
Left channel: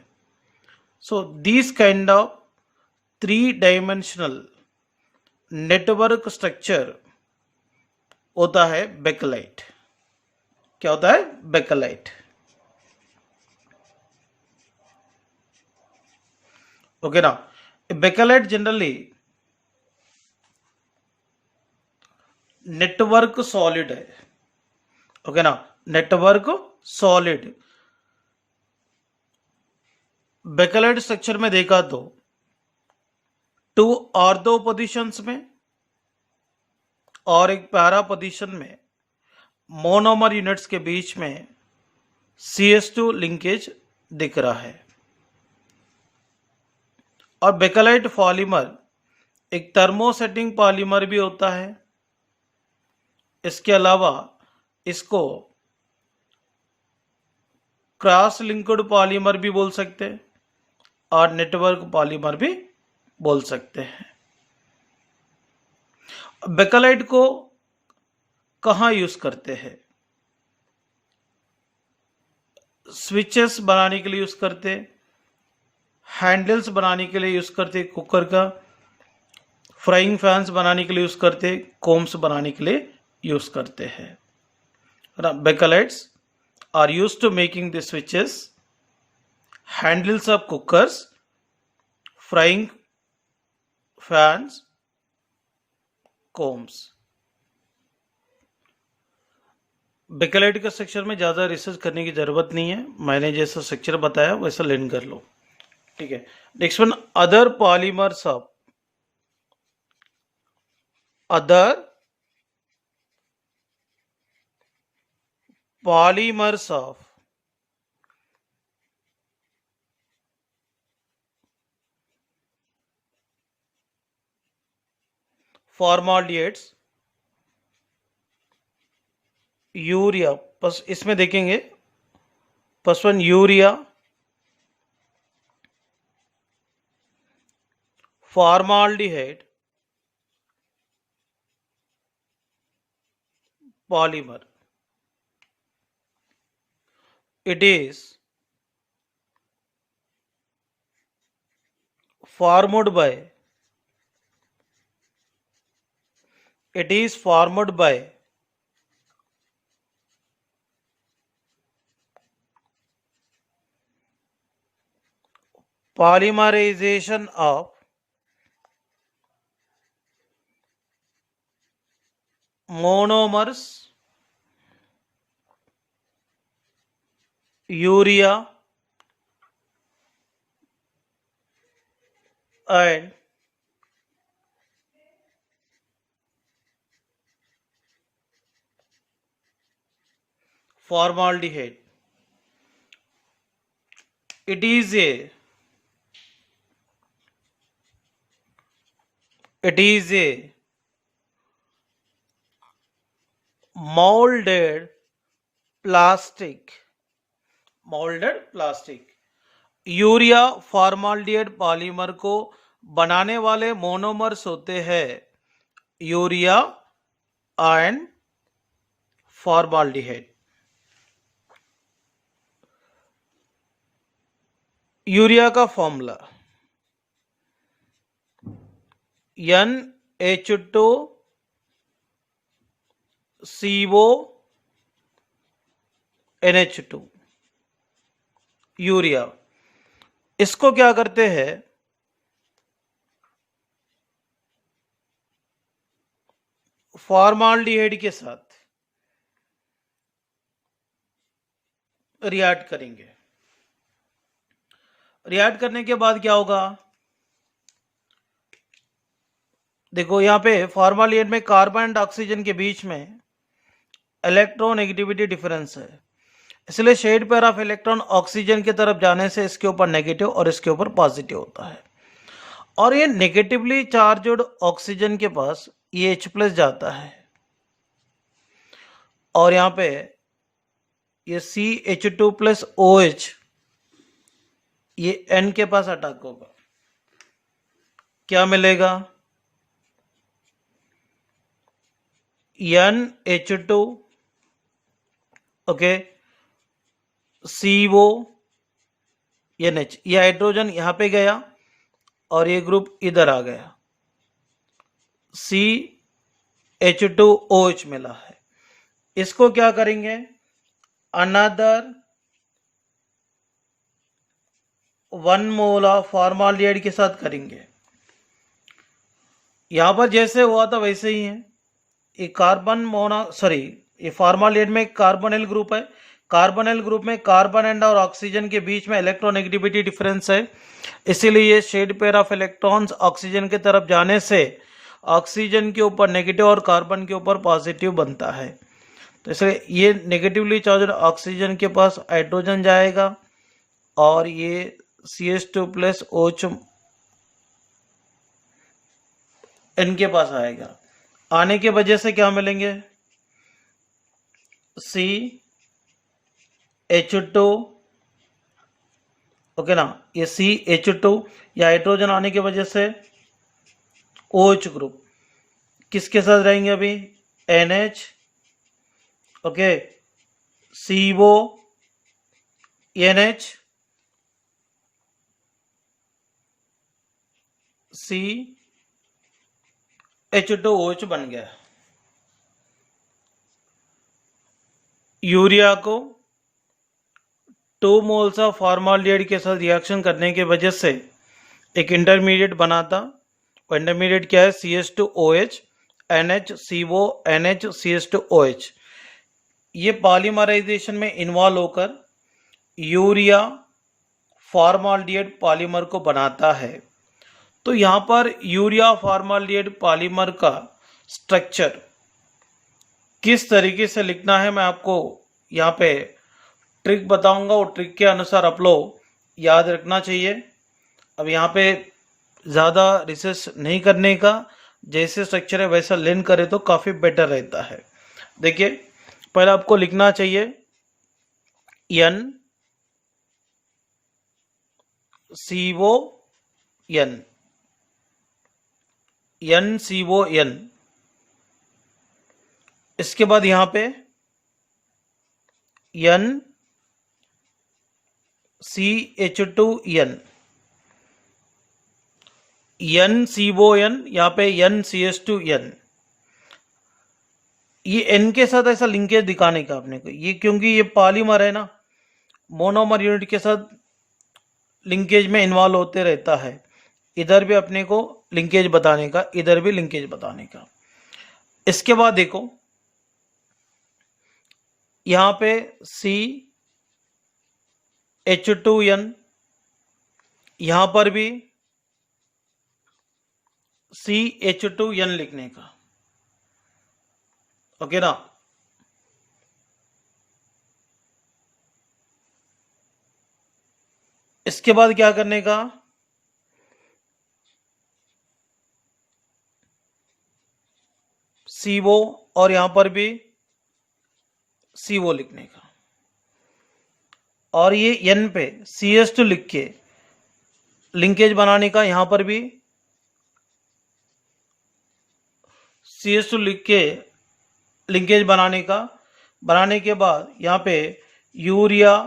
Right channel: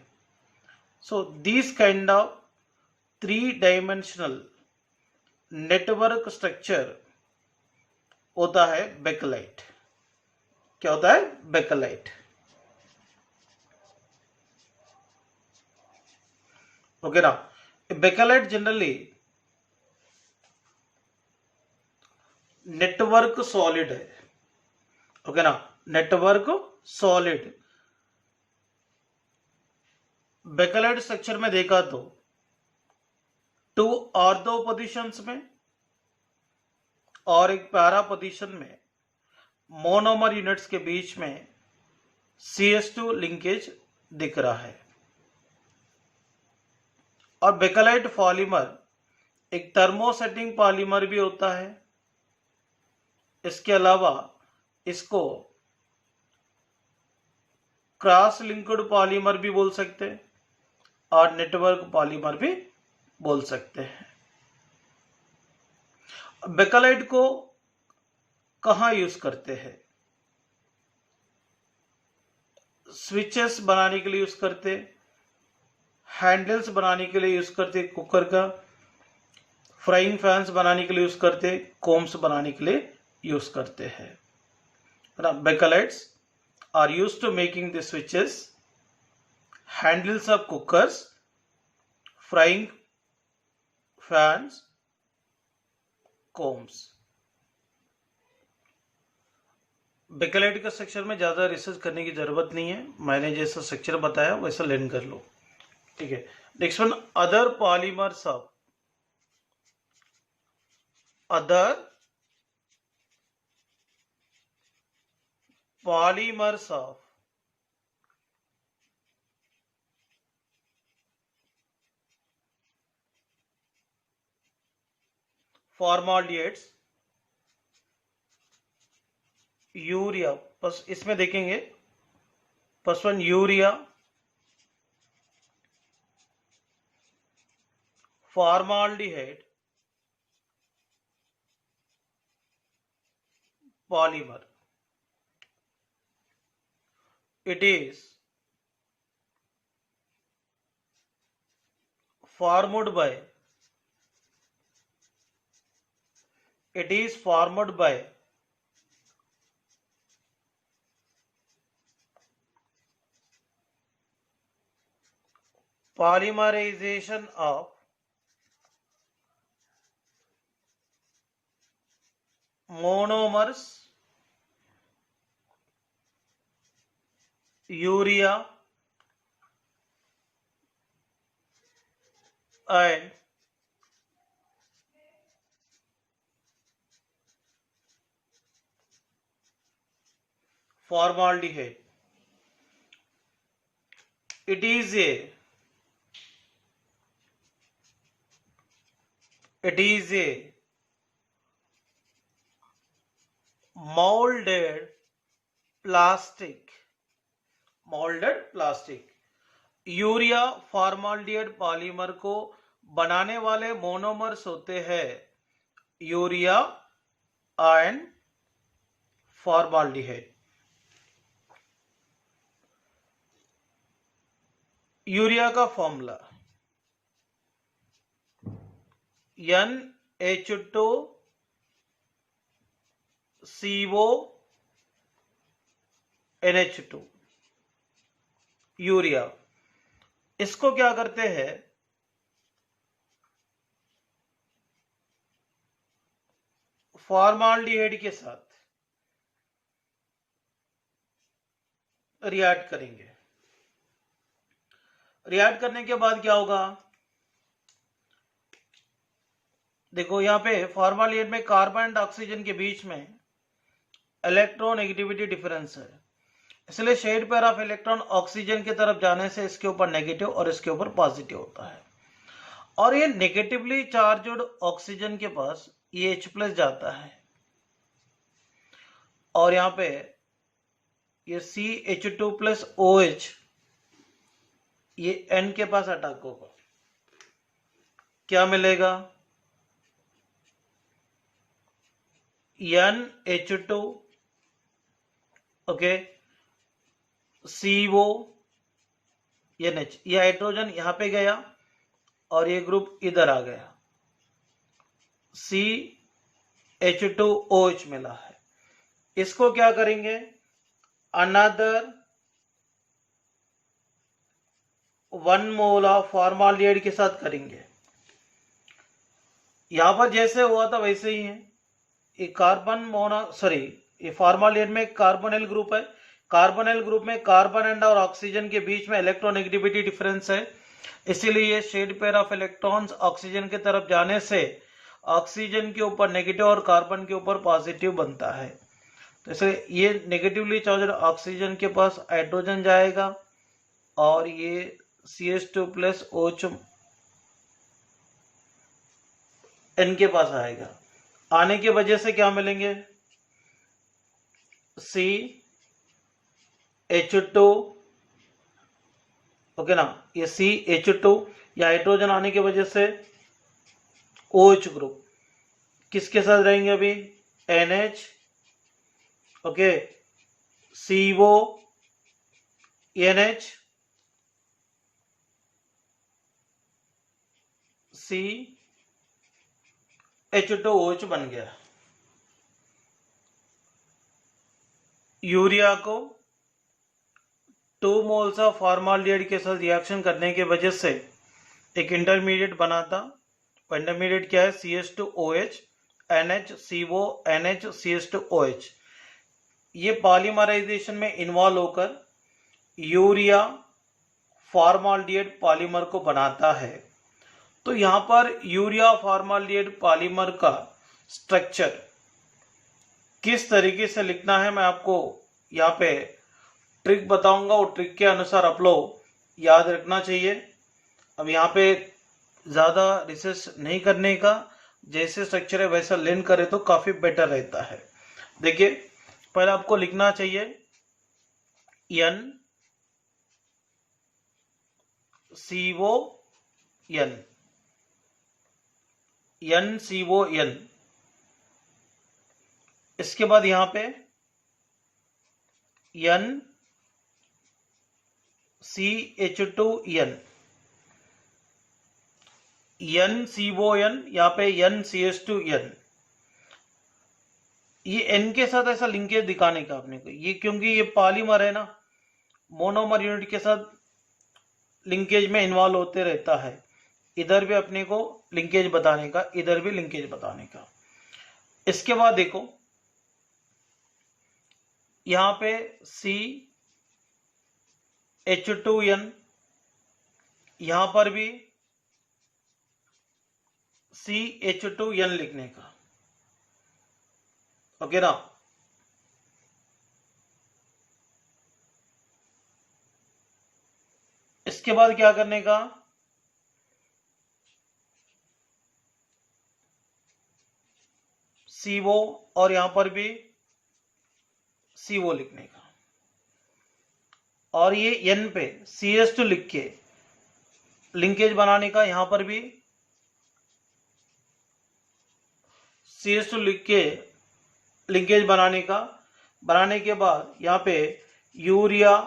So this kind of 3 dimensional network structure होता है बेकेलाइट। क्या होता है, बेकेलाइट। ओके ना, बेकेलाइट जनरली नेटवर्क सॉलिड है। ओके ना, नेटवर्क सॉलिड। बेकेलाइट स्ट्रक्चर में देखा तो 2 ऑर्थो पोजीशंस में और एक पैरा पोजीशन में मोनोमर यूनिट्स के बीच में CS2 लिंकेज दिख रहा है। और बेकेलाइट पॉलीमर एक थर्मोसेटिंग पॉलीमर भी होता है। इसके अलावा इसको क्रॉस लिंक्ड पॉलीमर भी बोल सकते हैं और नेटवर्क पॉलीमर भी बोल सकते हैं। बेकेलाइट को कहाँ यूज करते हैं? स्विचेस बनाने के लिए यूज करते, हैंडल्स बनाने के लिए यूज करते कुकर का, फ्राइंग फैंस बनाने के लिए यूज करते, कोम्स बनाने के लिए यूज करते हैं। बेकेलाइट्स are used to making the switches, handles of cookers, frying fans, combs। Bakelite के सेक्शन में ज़्यादा रिसर्च करने की ज़रूरत नहीं है, मैंने जैसा सेक्शन बताया वैसा लर्न कर लो, ठीक है। Next one, other polymers of formaldehydes, urea, बस इसमें देखेंगे first one urea, formaldehyde, polymer, it is formed by polymerization of monomers, urea and formaldehyde। It is a molded plastic। Urea formaldehyde polymer को बनाने वाले मोनोमर्स होते हैं urea and formaldehyde. Urea का formula NH2CO NH2, urea. इसको क्या करते हैं, फॉर्माल्डिहाइड के साथ रिएक्ट करेंगे। रिएक्ट करने के बाद क्या होगा, देखो यहाँ पे फॉर्माल्डिहाइड में कार्बन एंड ऑक्सीजन के बीच में इलेक्ट्रोनेगेटिविटी डिफरेंस है, इसलिए shared pair of electron oxygen की तरफ जाने से इसके ऊपर नेगेटिव और इसके ऊपर पॉजिटिव होता है। और ये नेगेटिवली चार्ज्ड ऑक्सीजन के पास ये H+ जाता है और यहाँ पे ये CH2+OH ये N के पास अटैक होगा। क्या मिलेगा, NH2 ओके CO NH, ये हाइड्रोजन यहाँ पे गया और ये ग्रुप इधर आ गया, CH2OH मिला है। इसको क्या करेंगे, अनदर 1 मोल ऑफ फॉर्माल्डिहाइड के साथ करेंगे। यहां पर जैसे हुआ था वैसे ही है, ये ये फॉर्माल्डिहाइड में कार्बोनिल ग्रुप है, कार्बोनिल ग्रुप में कार्बन एंड और ऑक्सीजन के बीच में इलेक्ट्रोनेगेटिविटी डिफरेंस है, इसीलिए ये shared pair of electrons oxygen की तरफ जाने से ऑक्सीजन के ऊपर नेगेटिव और कार्बन के ऊपर पॉजिटिव बनता है। तो इसलिए ये नेगेटिवली चार्ज ऑक्सीजन के पास हाइड्रोजन जाएगा और ये CH2 प्लस OH इनके पास आएगा। आने के वजह से क्या मिलेंगे, CH2, ओके ना, ये CH2 या हाइड्रोजन आने की वजह से OH ग्रुप किसके साथ रहेंगे अभी, NH, okay, CO, NH, CH2OH बन गया। यूरिया को 2 मोल्स ऑफ फॉर्माल्डिहाइड के साथ रिएक्शन करने की वजह से एक इंटरमीडिएट बनाता। वो इंटरमीडिएट क्या है, CH2OH, NHCO, NHCH2OH। ये पॉलीमराइजेशन में इन्वॉल्व होकर यूरिया फॉर्माल्डिहाइड पॉलीमर को बनाता है। तो यहाँ पर यूरिया फॉर्माल्डिहाइड पॉलीमर का स्ट्रक्चर किस तरीके से लिखना है मैं आपको यहाँ पे ट्रिक बताऊंगा, और ट्रिक के अनुसार आप लोग याद रखना चाहिए। अब यहाँ पे ज़्यादा रिसर्च नहीं करने का, जैसे स्ट्रक्चर है वैसा लर्न करे तो काफ़ी बेटर रहता है। देखिए पहले आपको लिखना चाहिए NCON, इसके बाद यहाँ पे NCH2N, NCON, यहाँ पे NCH2N। ये N के साथ ऐसा लिंकेज दिखाने का अपने को, ये क्योंकि ये पॉलीमर है ना, मोनोमर यूनिट के साथ लिंकेज में इन्वॉल्व होते रहता है। इधर भी अपने को लिंकेज बताने का, इधर भी लिंकेज बताने का। इसके बाद देखो यहाँ पे CH2N, यहाँ पर भी CH2N लिखने का, ओके ना। इसके बाद क्या करने का, CO और यहां पर भी CO लिखने का, और ये N पे CH2 लिख के लिंकेज बनाने का, यहां पर भी CH2 लिख के लिंकेज बनाने का। बनाने के बाद यहाँ पे यूरिया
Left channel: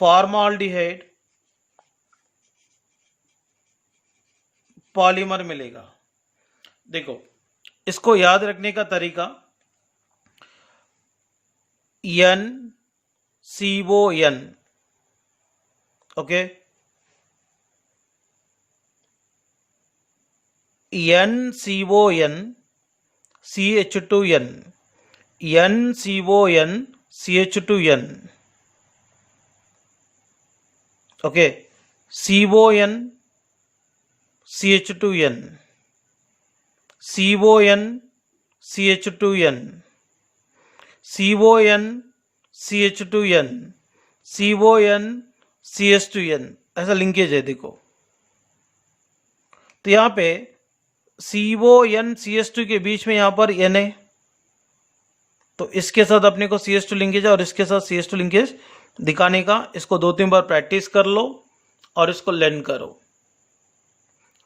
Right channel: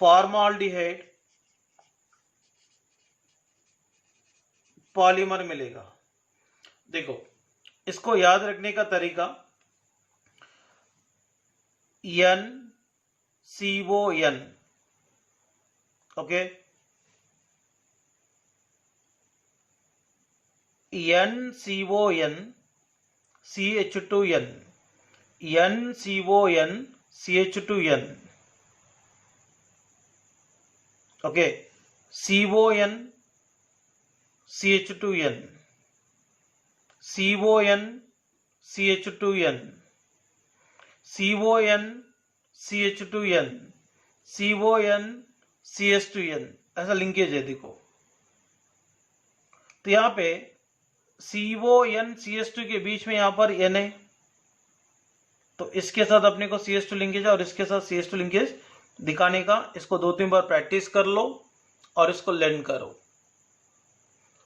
फॉर्माल्डिहाइड पॉलीमर मिलेगा। देखो इसको याद रखने का तरीका, NCON, okay, NCON CH2N, NCON CH2N, okay, CON CH2N, CON CH2N, CON CH2N, CON CH2N, ऐसा लिंकेज है। देखो तो यहाँ पे CON CH2 के बीच में यहाँ पर N है, तो इसके साथ अपने को CH2 लिंकेज है और इसके साथ CH2 लिंकेज दिखाने का। इसको 2-3 बार प्रैक्टिस कर लो और इसको लर्न करो,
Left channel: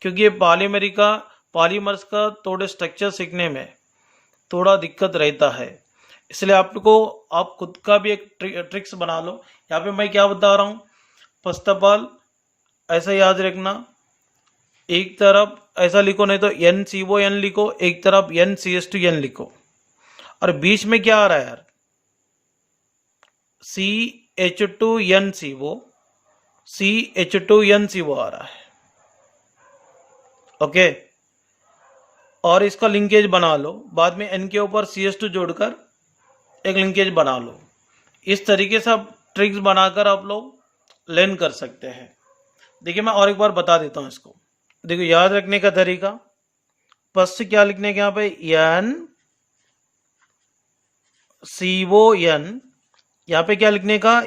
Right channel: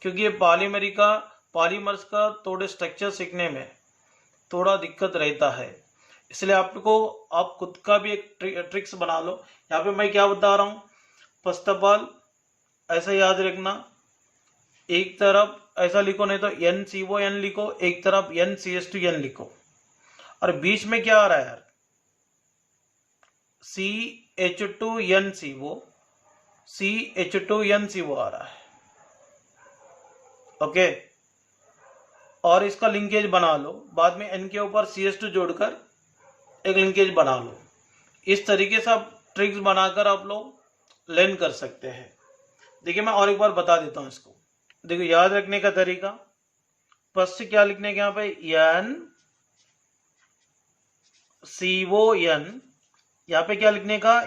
क्योंकि ये पॉलीमर्स का थोड़े स्ट्रक्चर सीखने में थोड़ा दिक्कत रहता है, इसलिए आप खुद का भी एक ट्रिक्स बना लो। यहाँ पे मैं क्या बता रहा हूँ, फर्स्ट ऑफ ऑल ऐसा याद रखना, एक तरफ ऐसा लिखो, नहीं तो NCON लिखो, एक तरफ NCH2N लिखो, और बीच में क्या आ रहा है यार, CH2NCO, CH2NCO आ रहा है, ओके। और इसका लिंकेज बना लो, बाद में N के ऊपर CH2 जोड़कर एक लिंकेज बना लो। इस तरीके से आप ट्रिक्स बनाकर आप लोग लर्न कर सकते हैं। देखिए मैं और एक बार बता देता हूँ इसको। देखो याद रखने का तरीका, फर्स्ट क्या लिखने का यहाँ पे एन CO N, यहाँ पे क्या लिखने का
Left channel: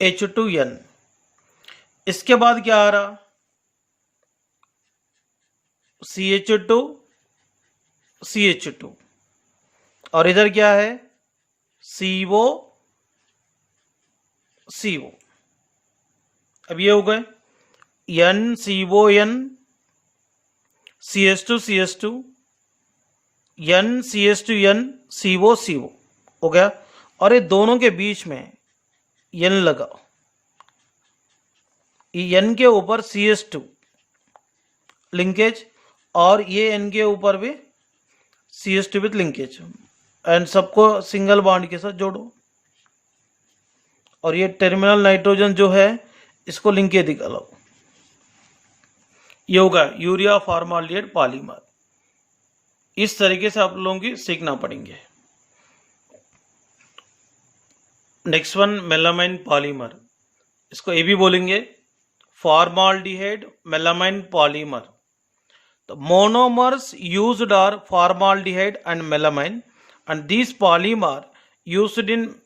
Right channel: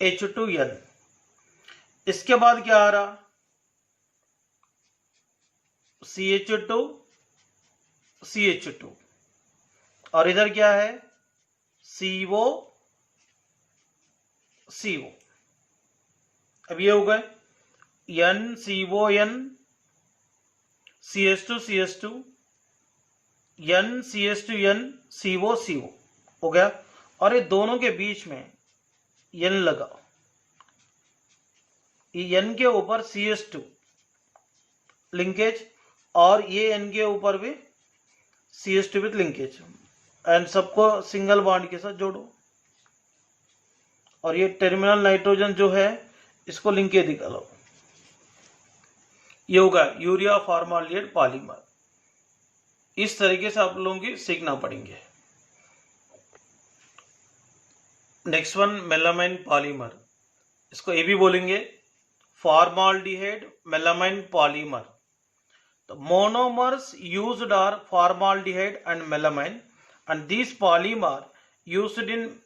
NCH2N। इसके बाद क्या आ रहा CH2 और इधर क्या है CO। अब ये हो गए NCON CH2 NCH2N CO हो गया। और ये दोनों के बीच में N लगाओ, ये N के ऊपर CH2 लिंकेज और ये N के ऊपर भी CH2 विथ लिंकेज, एंड सबको सिंगल बॉन्ड के साथ जोड़ो। और ये टर्मिनल नाइट्रोजन जो है इसको लिंकेज निकालो। ये होगा यूरिया फॉर्माल्डिहाइड पॉलीमर। इस तरीके से आप लोगों की सीखना पड़ेंगे। नेक्स्ट वन मेलामाइन पॉलीमर, इसको ये भी बोलेंगे formaldehyde melamine polymer. The monomers used are formaldehyde and melamine, and these polymer used in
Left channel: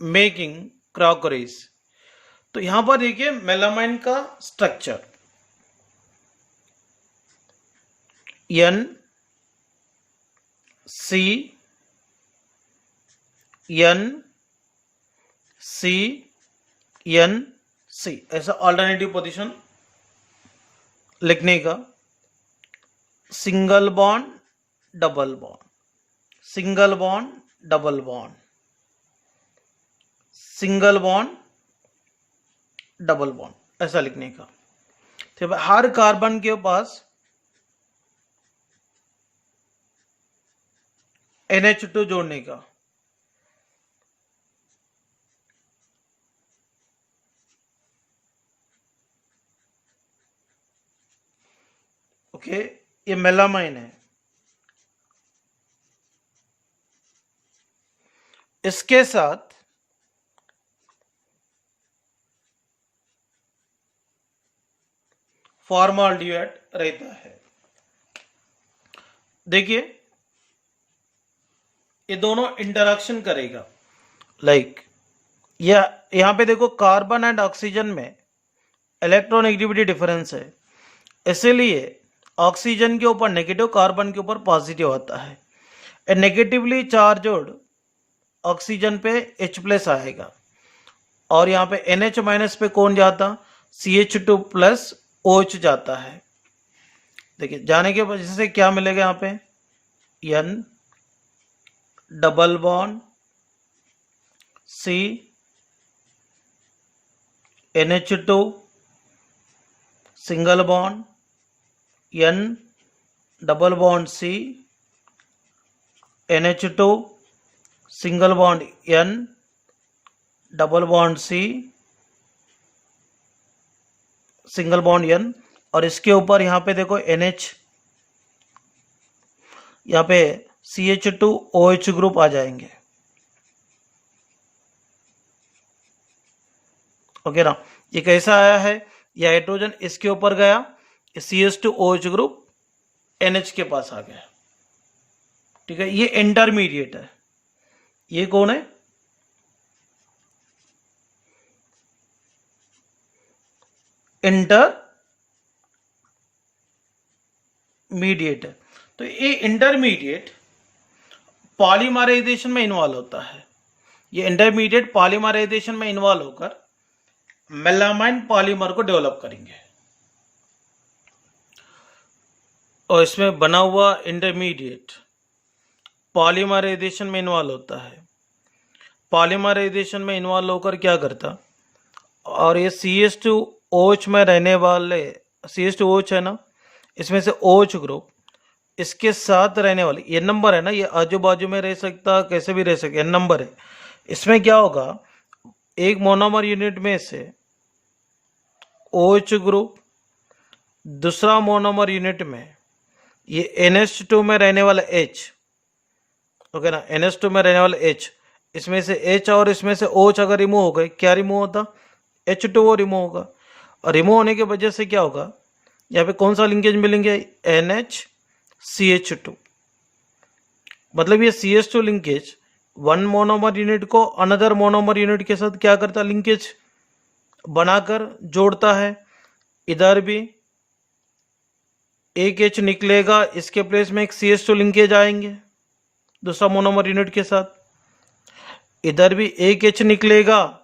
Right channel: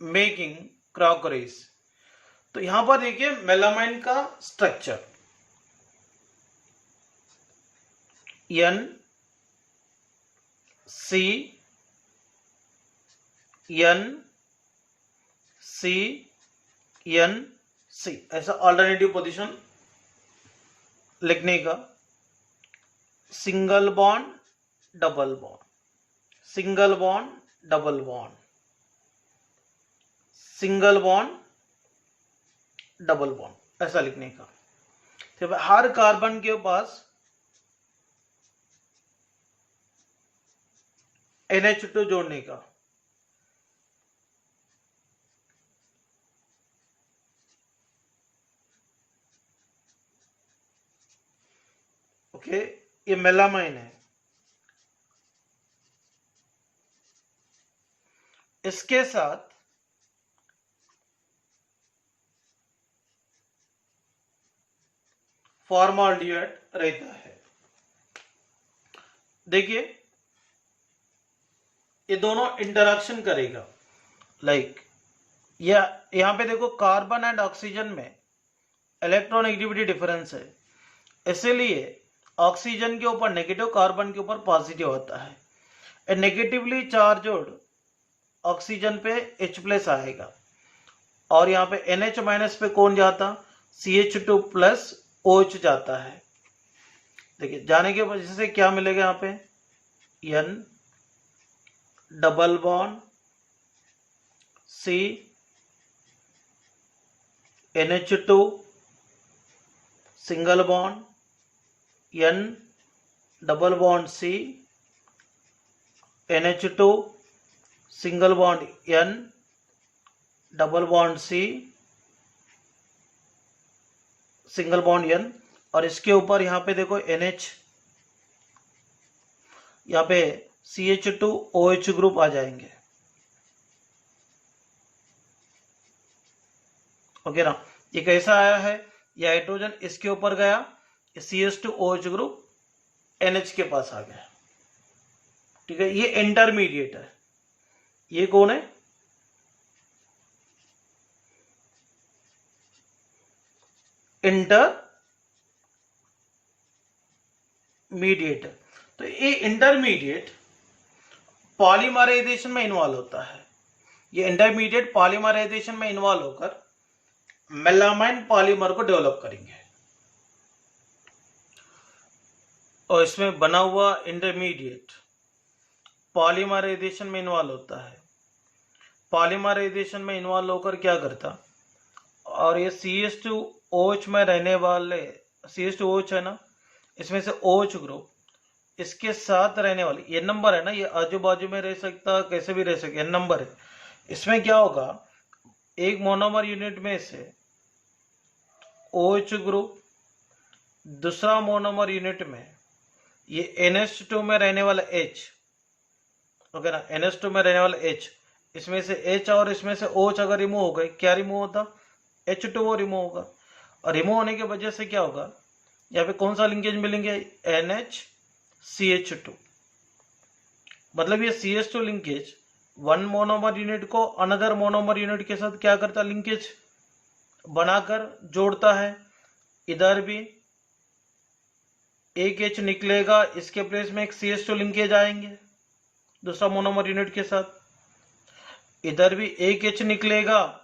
making crockeries। तो यहां पर देखिए मेलामाइन का स्ट्रक्चर NCNC ऐसा ऑल्टरनेटिव पोजीशन लिखने का। Single bond double bond, single bond double bond, single bond double bond, ऐसा लिखने का। तो हर कार्बन के पास NH2 जोड़ने का। ओके, ये मेलामाइन है। इसके साथ फॉर्माल्डिहाइड रहता है। देखिए ये दोनों इंटरेक्शन करेगा। लाइक यहां पे देखो कार्बन एंड ऑक्सीजन में इलेक्ट्रोनेगेटिविटी डिफरेंस है, इसीलिए ऑक्सीजन के ऊपर नेगेटिव, कार्बन के ऊपर पॉजिटिव होता है। नेगेटिवली चार्ज्ड ऑक्सीजन पे H+ आएगा और यहाँ पे NH- पे कौन जाता, CH2+ OH जाता है। देखिए जाने के वजह से क्या मिलेगा यहाँ पे N double bond C NH2 single bond N double bond C NH2 single bond N double bond C single bond N, और इसके ऊपर यहाँ पे देखो NH, यहाँ पे CH2OH ग्रुप आ जाएंगे। ओके ना, ये कैसा आया है, ये हाइड्रोजन इसके ऊपर गया, CH2OH ग्रुप NH के पास आ गया। ठीक है, ये इंटरमीडिएट है। ये कौन है, इंटरमीडिएट है। तो ये इंटरमीडिएट पॉलीमराइजेशन में इन्वॉल्व होता है। ये इंटरमीडिएट पॉलीमराइजेशन में इन्वॉल्व होकर मेलामाइन पॉलीमर को डेवलप करेंगे। और इसमें बना हुआ इंटरमीडिएट पॉलीमराइजेशन में इन्वॉल्व होता है। पॉलीमराइजेशन में इन्वॉल्व होकर क्या करता, और ये CH2OH में रहने वाले CH2OH है ना, इसमें से OH ग्रुप इसके साथ रहने वाले ये नंबर है ना, ये आजू बाजू में रह सकता, कैसे भी रह सकता, ये नंबर है। इसमें क्या होगा, एक मोनोमर यूनिट में से OH ग्रुप दूसरा मोनोमर यूनिट में ये NH2 में रहने वाला H ओके ना। NH2 में रहने वाला H, इसमें से H और इसमें से OH अगर रिमूव हो गए, क्या रिमूव होता? H2O रिमूव होगा। और रिमूव होने की वजह से क्या होगा, यहाँ पे कौन सा लिंकेज मिलेंगे? NH-CH2। मतलब ये CH2 linkage one monomer unit को अनदर मोनोमर यूनिट के साथ क्या करता? लिंकेज बनाकर जोड़ता है। इधर भी एक H निकलेगा, इसके प्लेस में एक CH2 लिंकेज आएंगे दूसरा मोनोमर यूनिट के साथ। इधर भी एक H निकलेगा,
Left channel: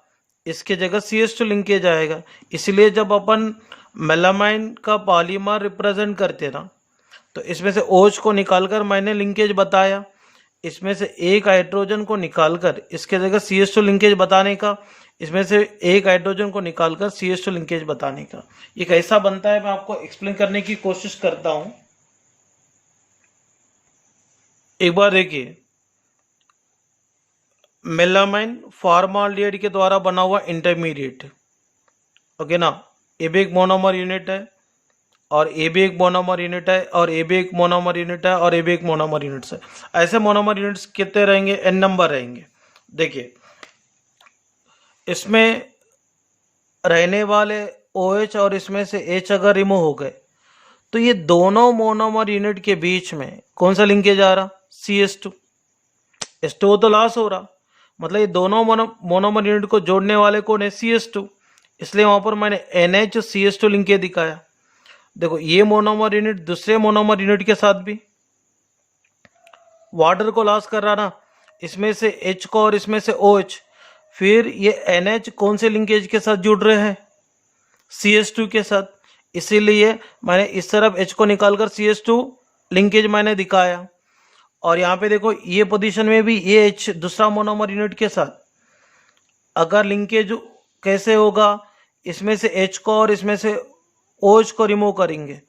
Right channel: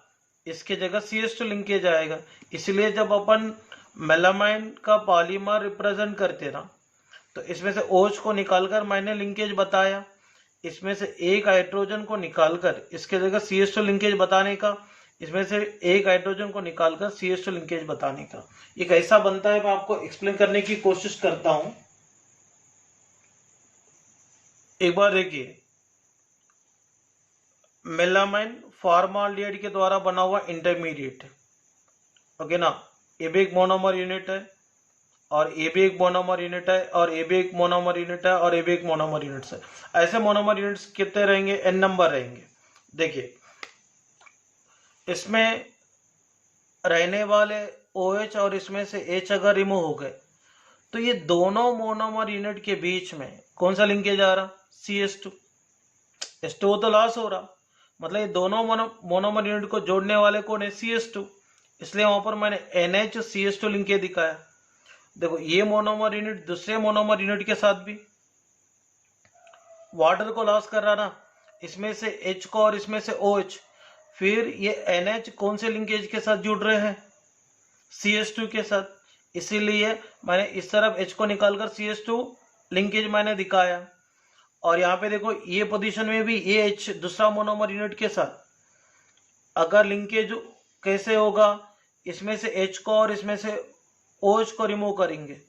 इसके जगह CH2 लिंकेज आएगा। इसलिए जब अपन मेलामाइन का पॉलीमर रिप्रेजेंट करते ना, तो इसमें से OH को निकालकर मैंने लिंकेज बताया, इसमें से एक हाइड्रोजन को निकालकर इसके जगह CH2 लिंकेज बताने का, इसमें से एक हाइड्रोजन को निकालकर CH2 लिंकेज बताने का। ये कैसा बनता है मैं आपको एक्सप्लेन करने की कोशिश करता हूं। एक बार देखिए, मेलामाइन फॉर्माल्डिहाइड के द्वारा बना हुआ इंटरमीडिएट, ओके ना। ये भी एक मोनोमर यूनिट है और ये भी एक मोनोमर यूनिट है और ये भी एक मोनोमर यूनिट है और ये भी एक मोनोमर यूनिट है। ऐसे मोनोमर यूनिट्स कितने रहेंगे? n नंबर रहेंगे। देखिए, इसमें रहने वाले OH और इसमें से H अगर रिमूव हो गए, तो ये दोनों मोनोमर यूनिट के बीच में कौन सा लिंकेज आ रहा? CH2। H2O तो लॉस हो रहा, मतलब ये दोनों मोनोमर यूनिट को जोड़ने वाले कौन है? CH2। इसलिए वहां पर मैंने NH-CH2 लिंकेज दिखाया। देखो, ये मोनोमर यूनिट दूसरे मोनोमर यूनिट के साथ भी वाटर को लॉस कर रहा ना, इसमें से H को और इसमें से OH। फिर ये NH कौन से लिंकेज के साथ जुड़ रहे हैं? CH2 के साथ। इसीलिए मैंने इस तरफ H को निकालकर CH2 लिंकेज मैंने दिखाया। और यहाँ पे देखो, ये पोजीशन में भी ये H दूसरा मोनोमर यूनिट के साथ अगर लिंकेज कैसे होगा, इसमें से H को और इसमें से OH को रिमूव करेंगे।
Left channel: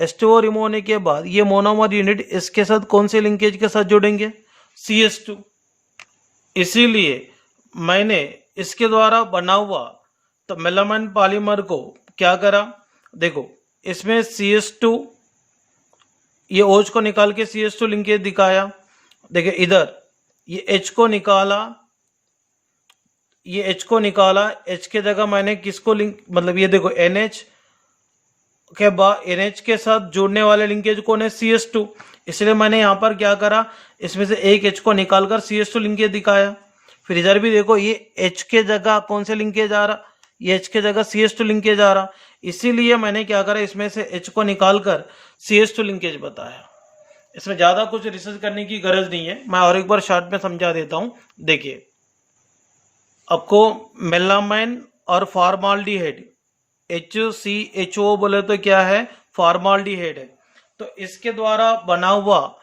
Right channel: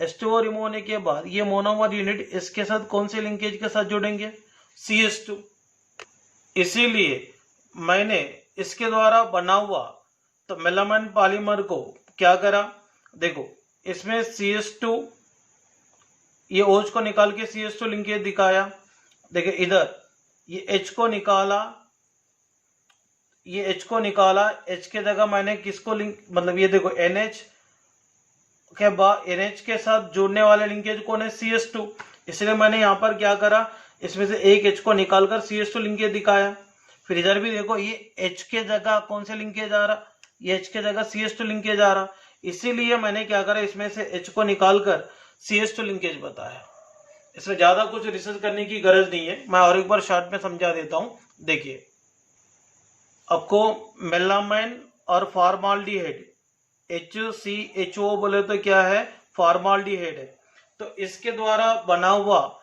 H2O रिमूव होने के बाद ये मोनोमर यूनिट इसके साथ कौन से लिंकेज के साथ जुड़ेंगे? CH2। इसीलिए मैंने इसके द्वारा बना हुआ तो मेलामाइन पॉलीमर को क्या करा? देखो, इसमें CH2, ये OH को निकाल के CH2 लिंकेज दिखाया। देखिए, इधर ये H को निकाला, ये H को निकाला, H के जगह मैंने किसको लिंक, मतलब ये देखो NH के बाद NH के साथ जुड़ने वाले लिंकेज कौन है? CH2। इसलिए मैंने यहाँ पर क्या करा, इसमें से एक H को निकालकर CH2 लिंकेज दिखाया। फिर इधर भी देखो, ये H के जगह कौन से लिंकेज आ रहा? ये H के जगह CH2 लिंकेज आ रहा। इसीलिए मैंने क्या करा, इसमें से H को निकालकर CH2 लिंकेज बताया। इसमें ज़्यादा कुछ रिसर्च करने की गरज नहीं है, मैं और एक बार शॉर्ट में समझा देता हूँ। देखिए, आपको मेलामाइन और फॉर्माल्डिहाइड HCHO बोले तो क्या है? फॉर्माल्डिहाइड है। तो इसके द्वारा बना हुआ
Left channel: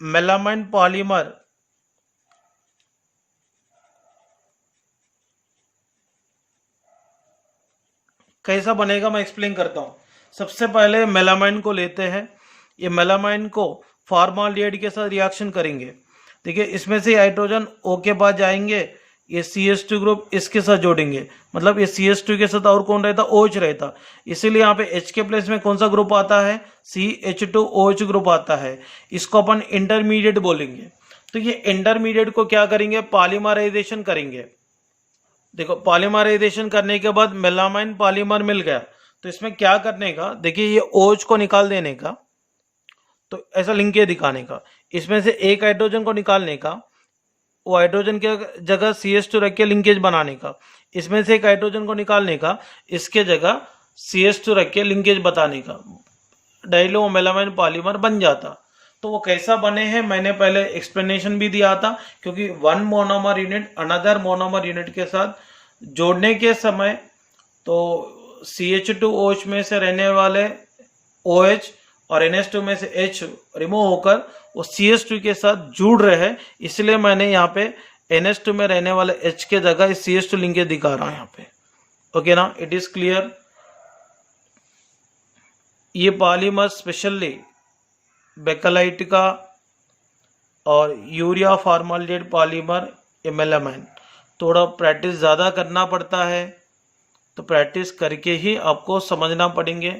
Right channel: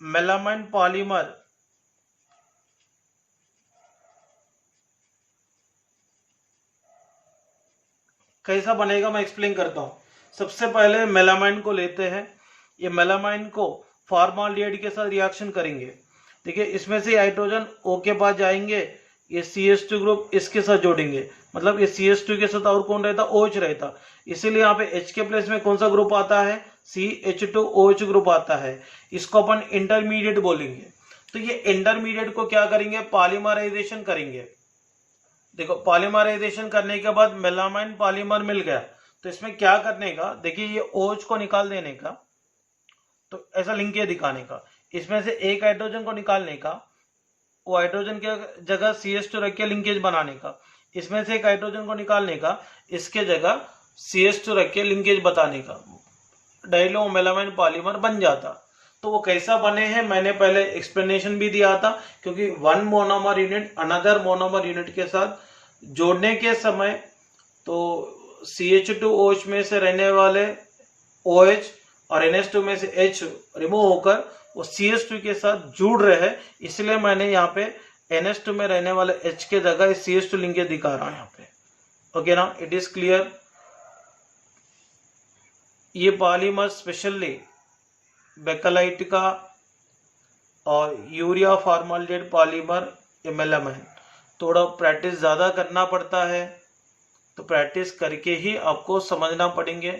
मेलामाइन पॉलीमर कैसा बनेगा मैं एक्सप्लेन करता हूँ। सबसे पहले मेलामाइन को लेते हैं, ये मेलामाइन को फॉर्माल्डिहाइड के साथ रिएक्शन करेंगे। देखिए, इसमें से हाइड्रोजन O के पास जाएंगे, ये CH2 ग्रुप इसके साथ जोड़ेंगे, मतलब ये CH2 के साथ और कौन रहता? OH रहता। इसीलिए यहाँ पे H के प्लेस में कौन सा ग्रुप आता है? CH2OH ग्रुप आता है। इसको अपन इंटरमीडिएट बोलेंगे। तो ये इंटरमीडिएट को क्या करेंगे? पॉलीमराइजेशन करेंगे। देखो, पॉलीमराइजेशन करने के बाद मेलामाइन पॉलीमर मिल गया, तो इसमें क्या करने का? देखिए, ये OH को निकाल देने का, तो ऐसा लिंकेज दिखाने का, इसमें से एक हाइड्रोजन को निकालने का, वो हाइड्रोजन के जगह CH2 रख के लिंकेज बनाने का, इसमें से एक हाइड्रोजन को निकालने का, इसके जगह CH2 रख के लिंकेज बताने का, डाइलो मेलामाइन पॉलीमर बन जाता। तो वो कैसा बने हैं मैंने पहले एक्सप्लेनेशन भी दिया था, क्योंकि one monomer unit another monomer unit के साथ जोड़ने के समय तो CH2OH में से रहने वाले OH और NH2 में से H रिमूव होकर वो CH2 के साथ जुड़ रहे हैं। इसलिए मैंने यहाँ पे NH2 में रहने वाले H के जगह CH2 लिंकेज दिखा रहा हूँ यहाँ पे। ओके ना, इट इज क्लियर। ये पॉलीमर स्पेशली बेकलाइट का और यूरिया फॉर्माल्डिहाइड पॉलीमर, ये मेलामाइन, थोड़ा प्रैक्टिस ज़्यादा करना पड़ता है, तो प्रैक्टिस करके ही आपको समझना पड़ेंगे।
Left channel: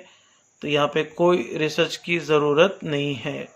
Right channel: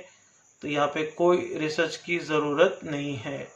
तो यहाँ पे कोई रिसर्च की ज़रूरत नहीं है।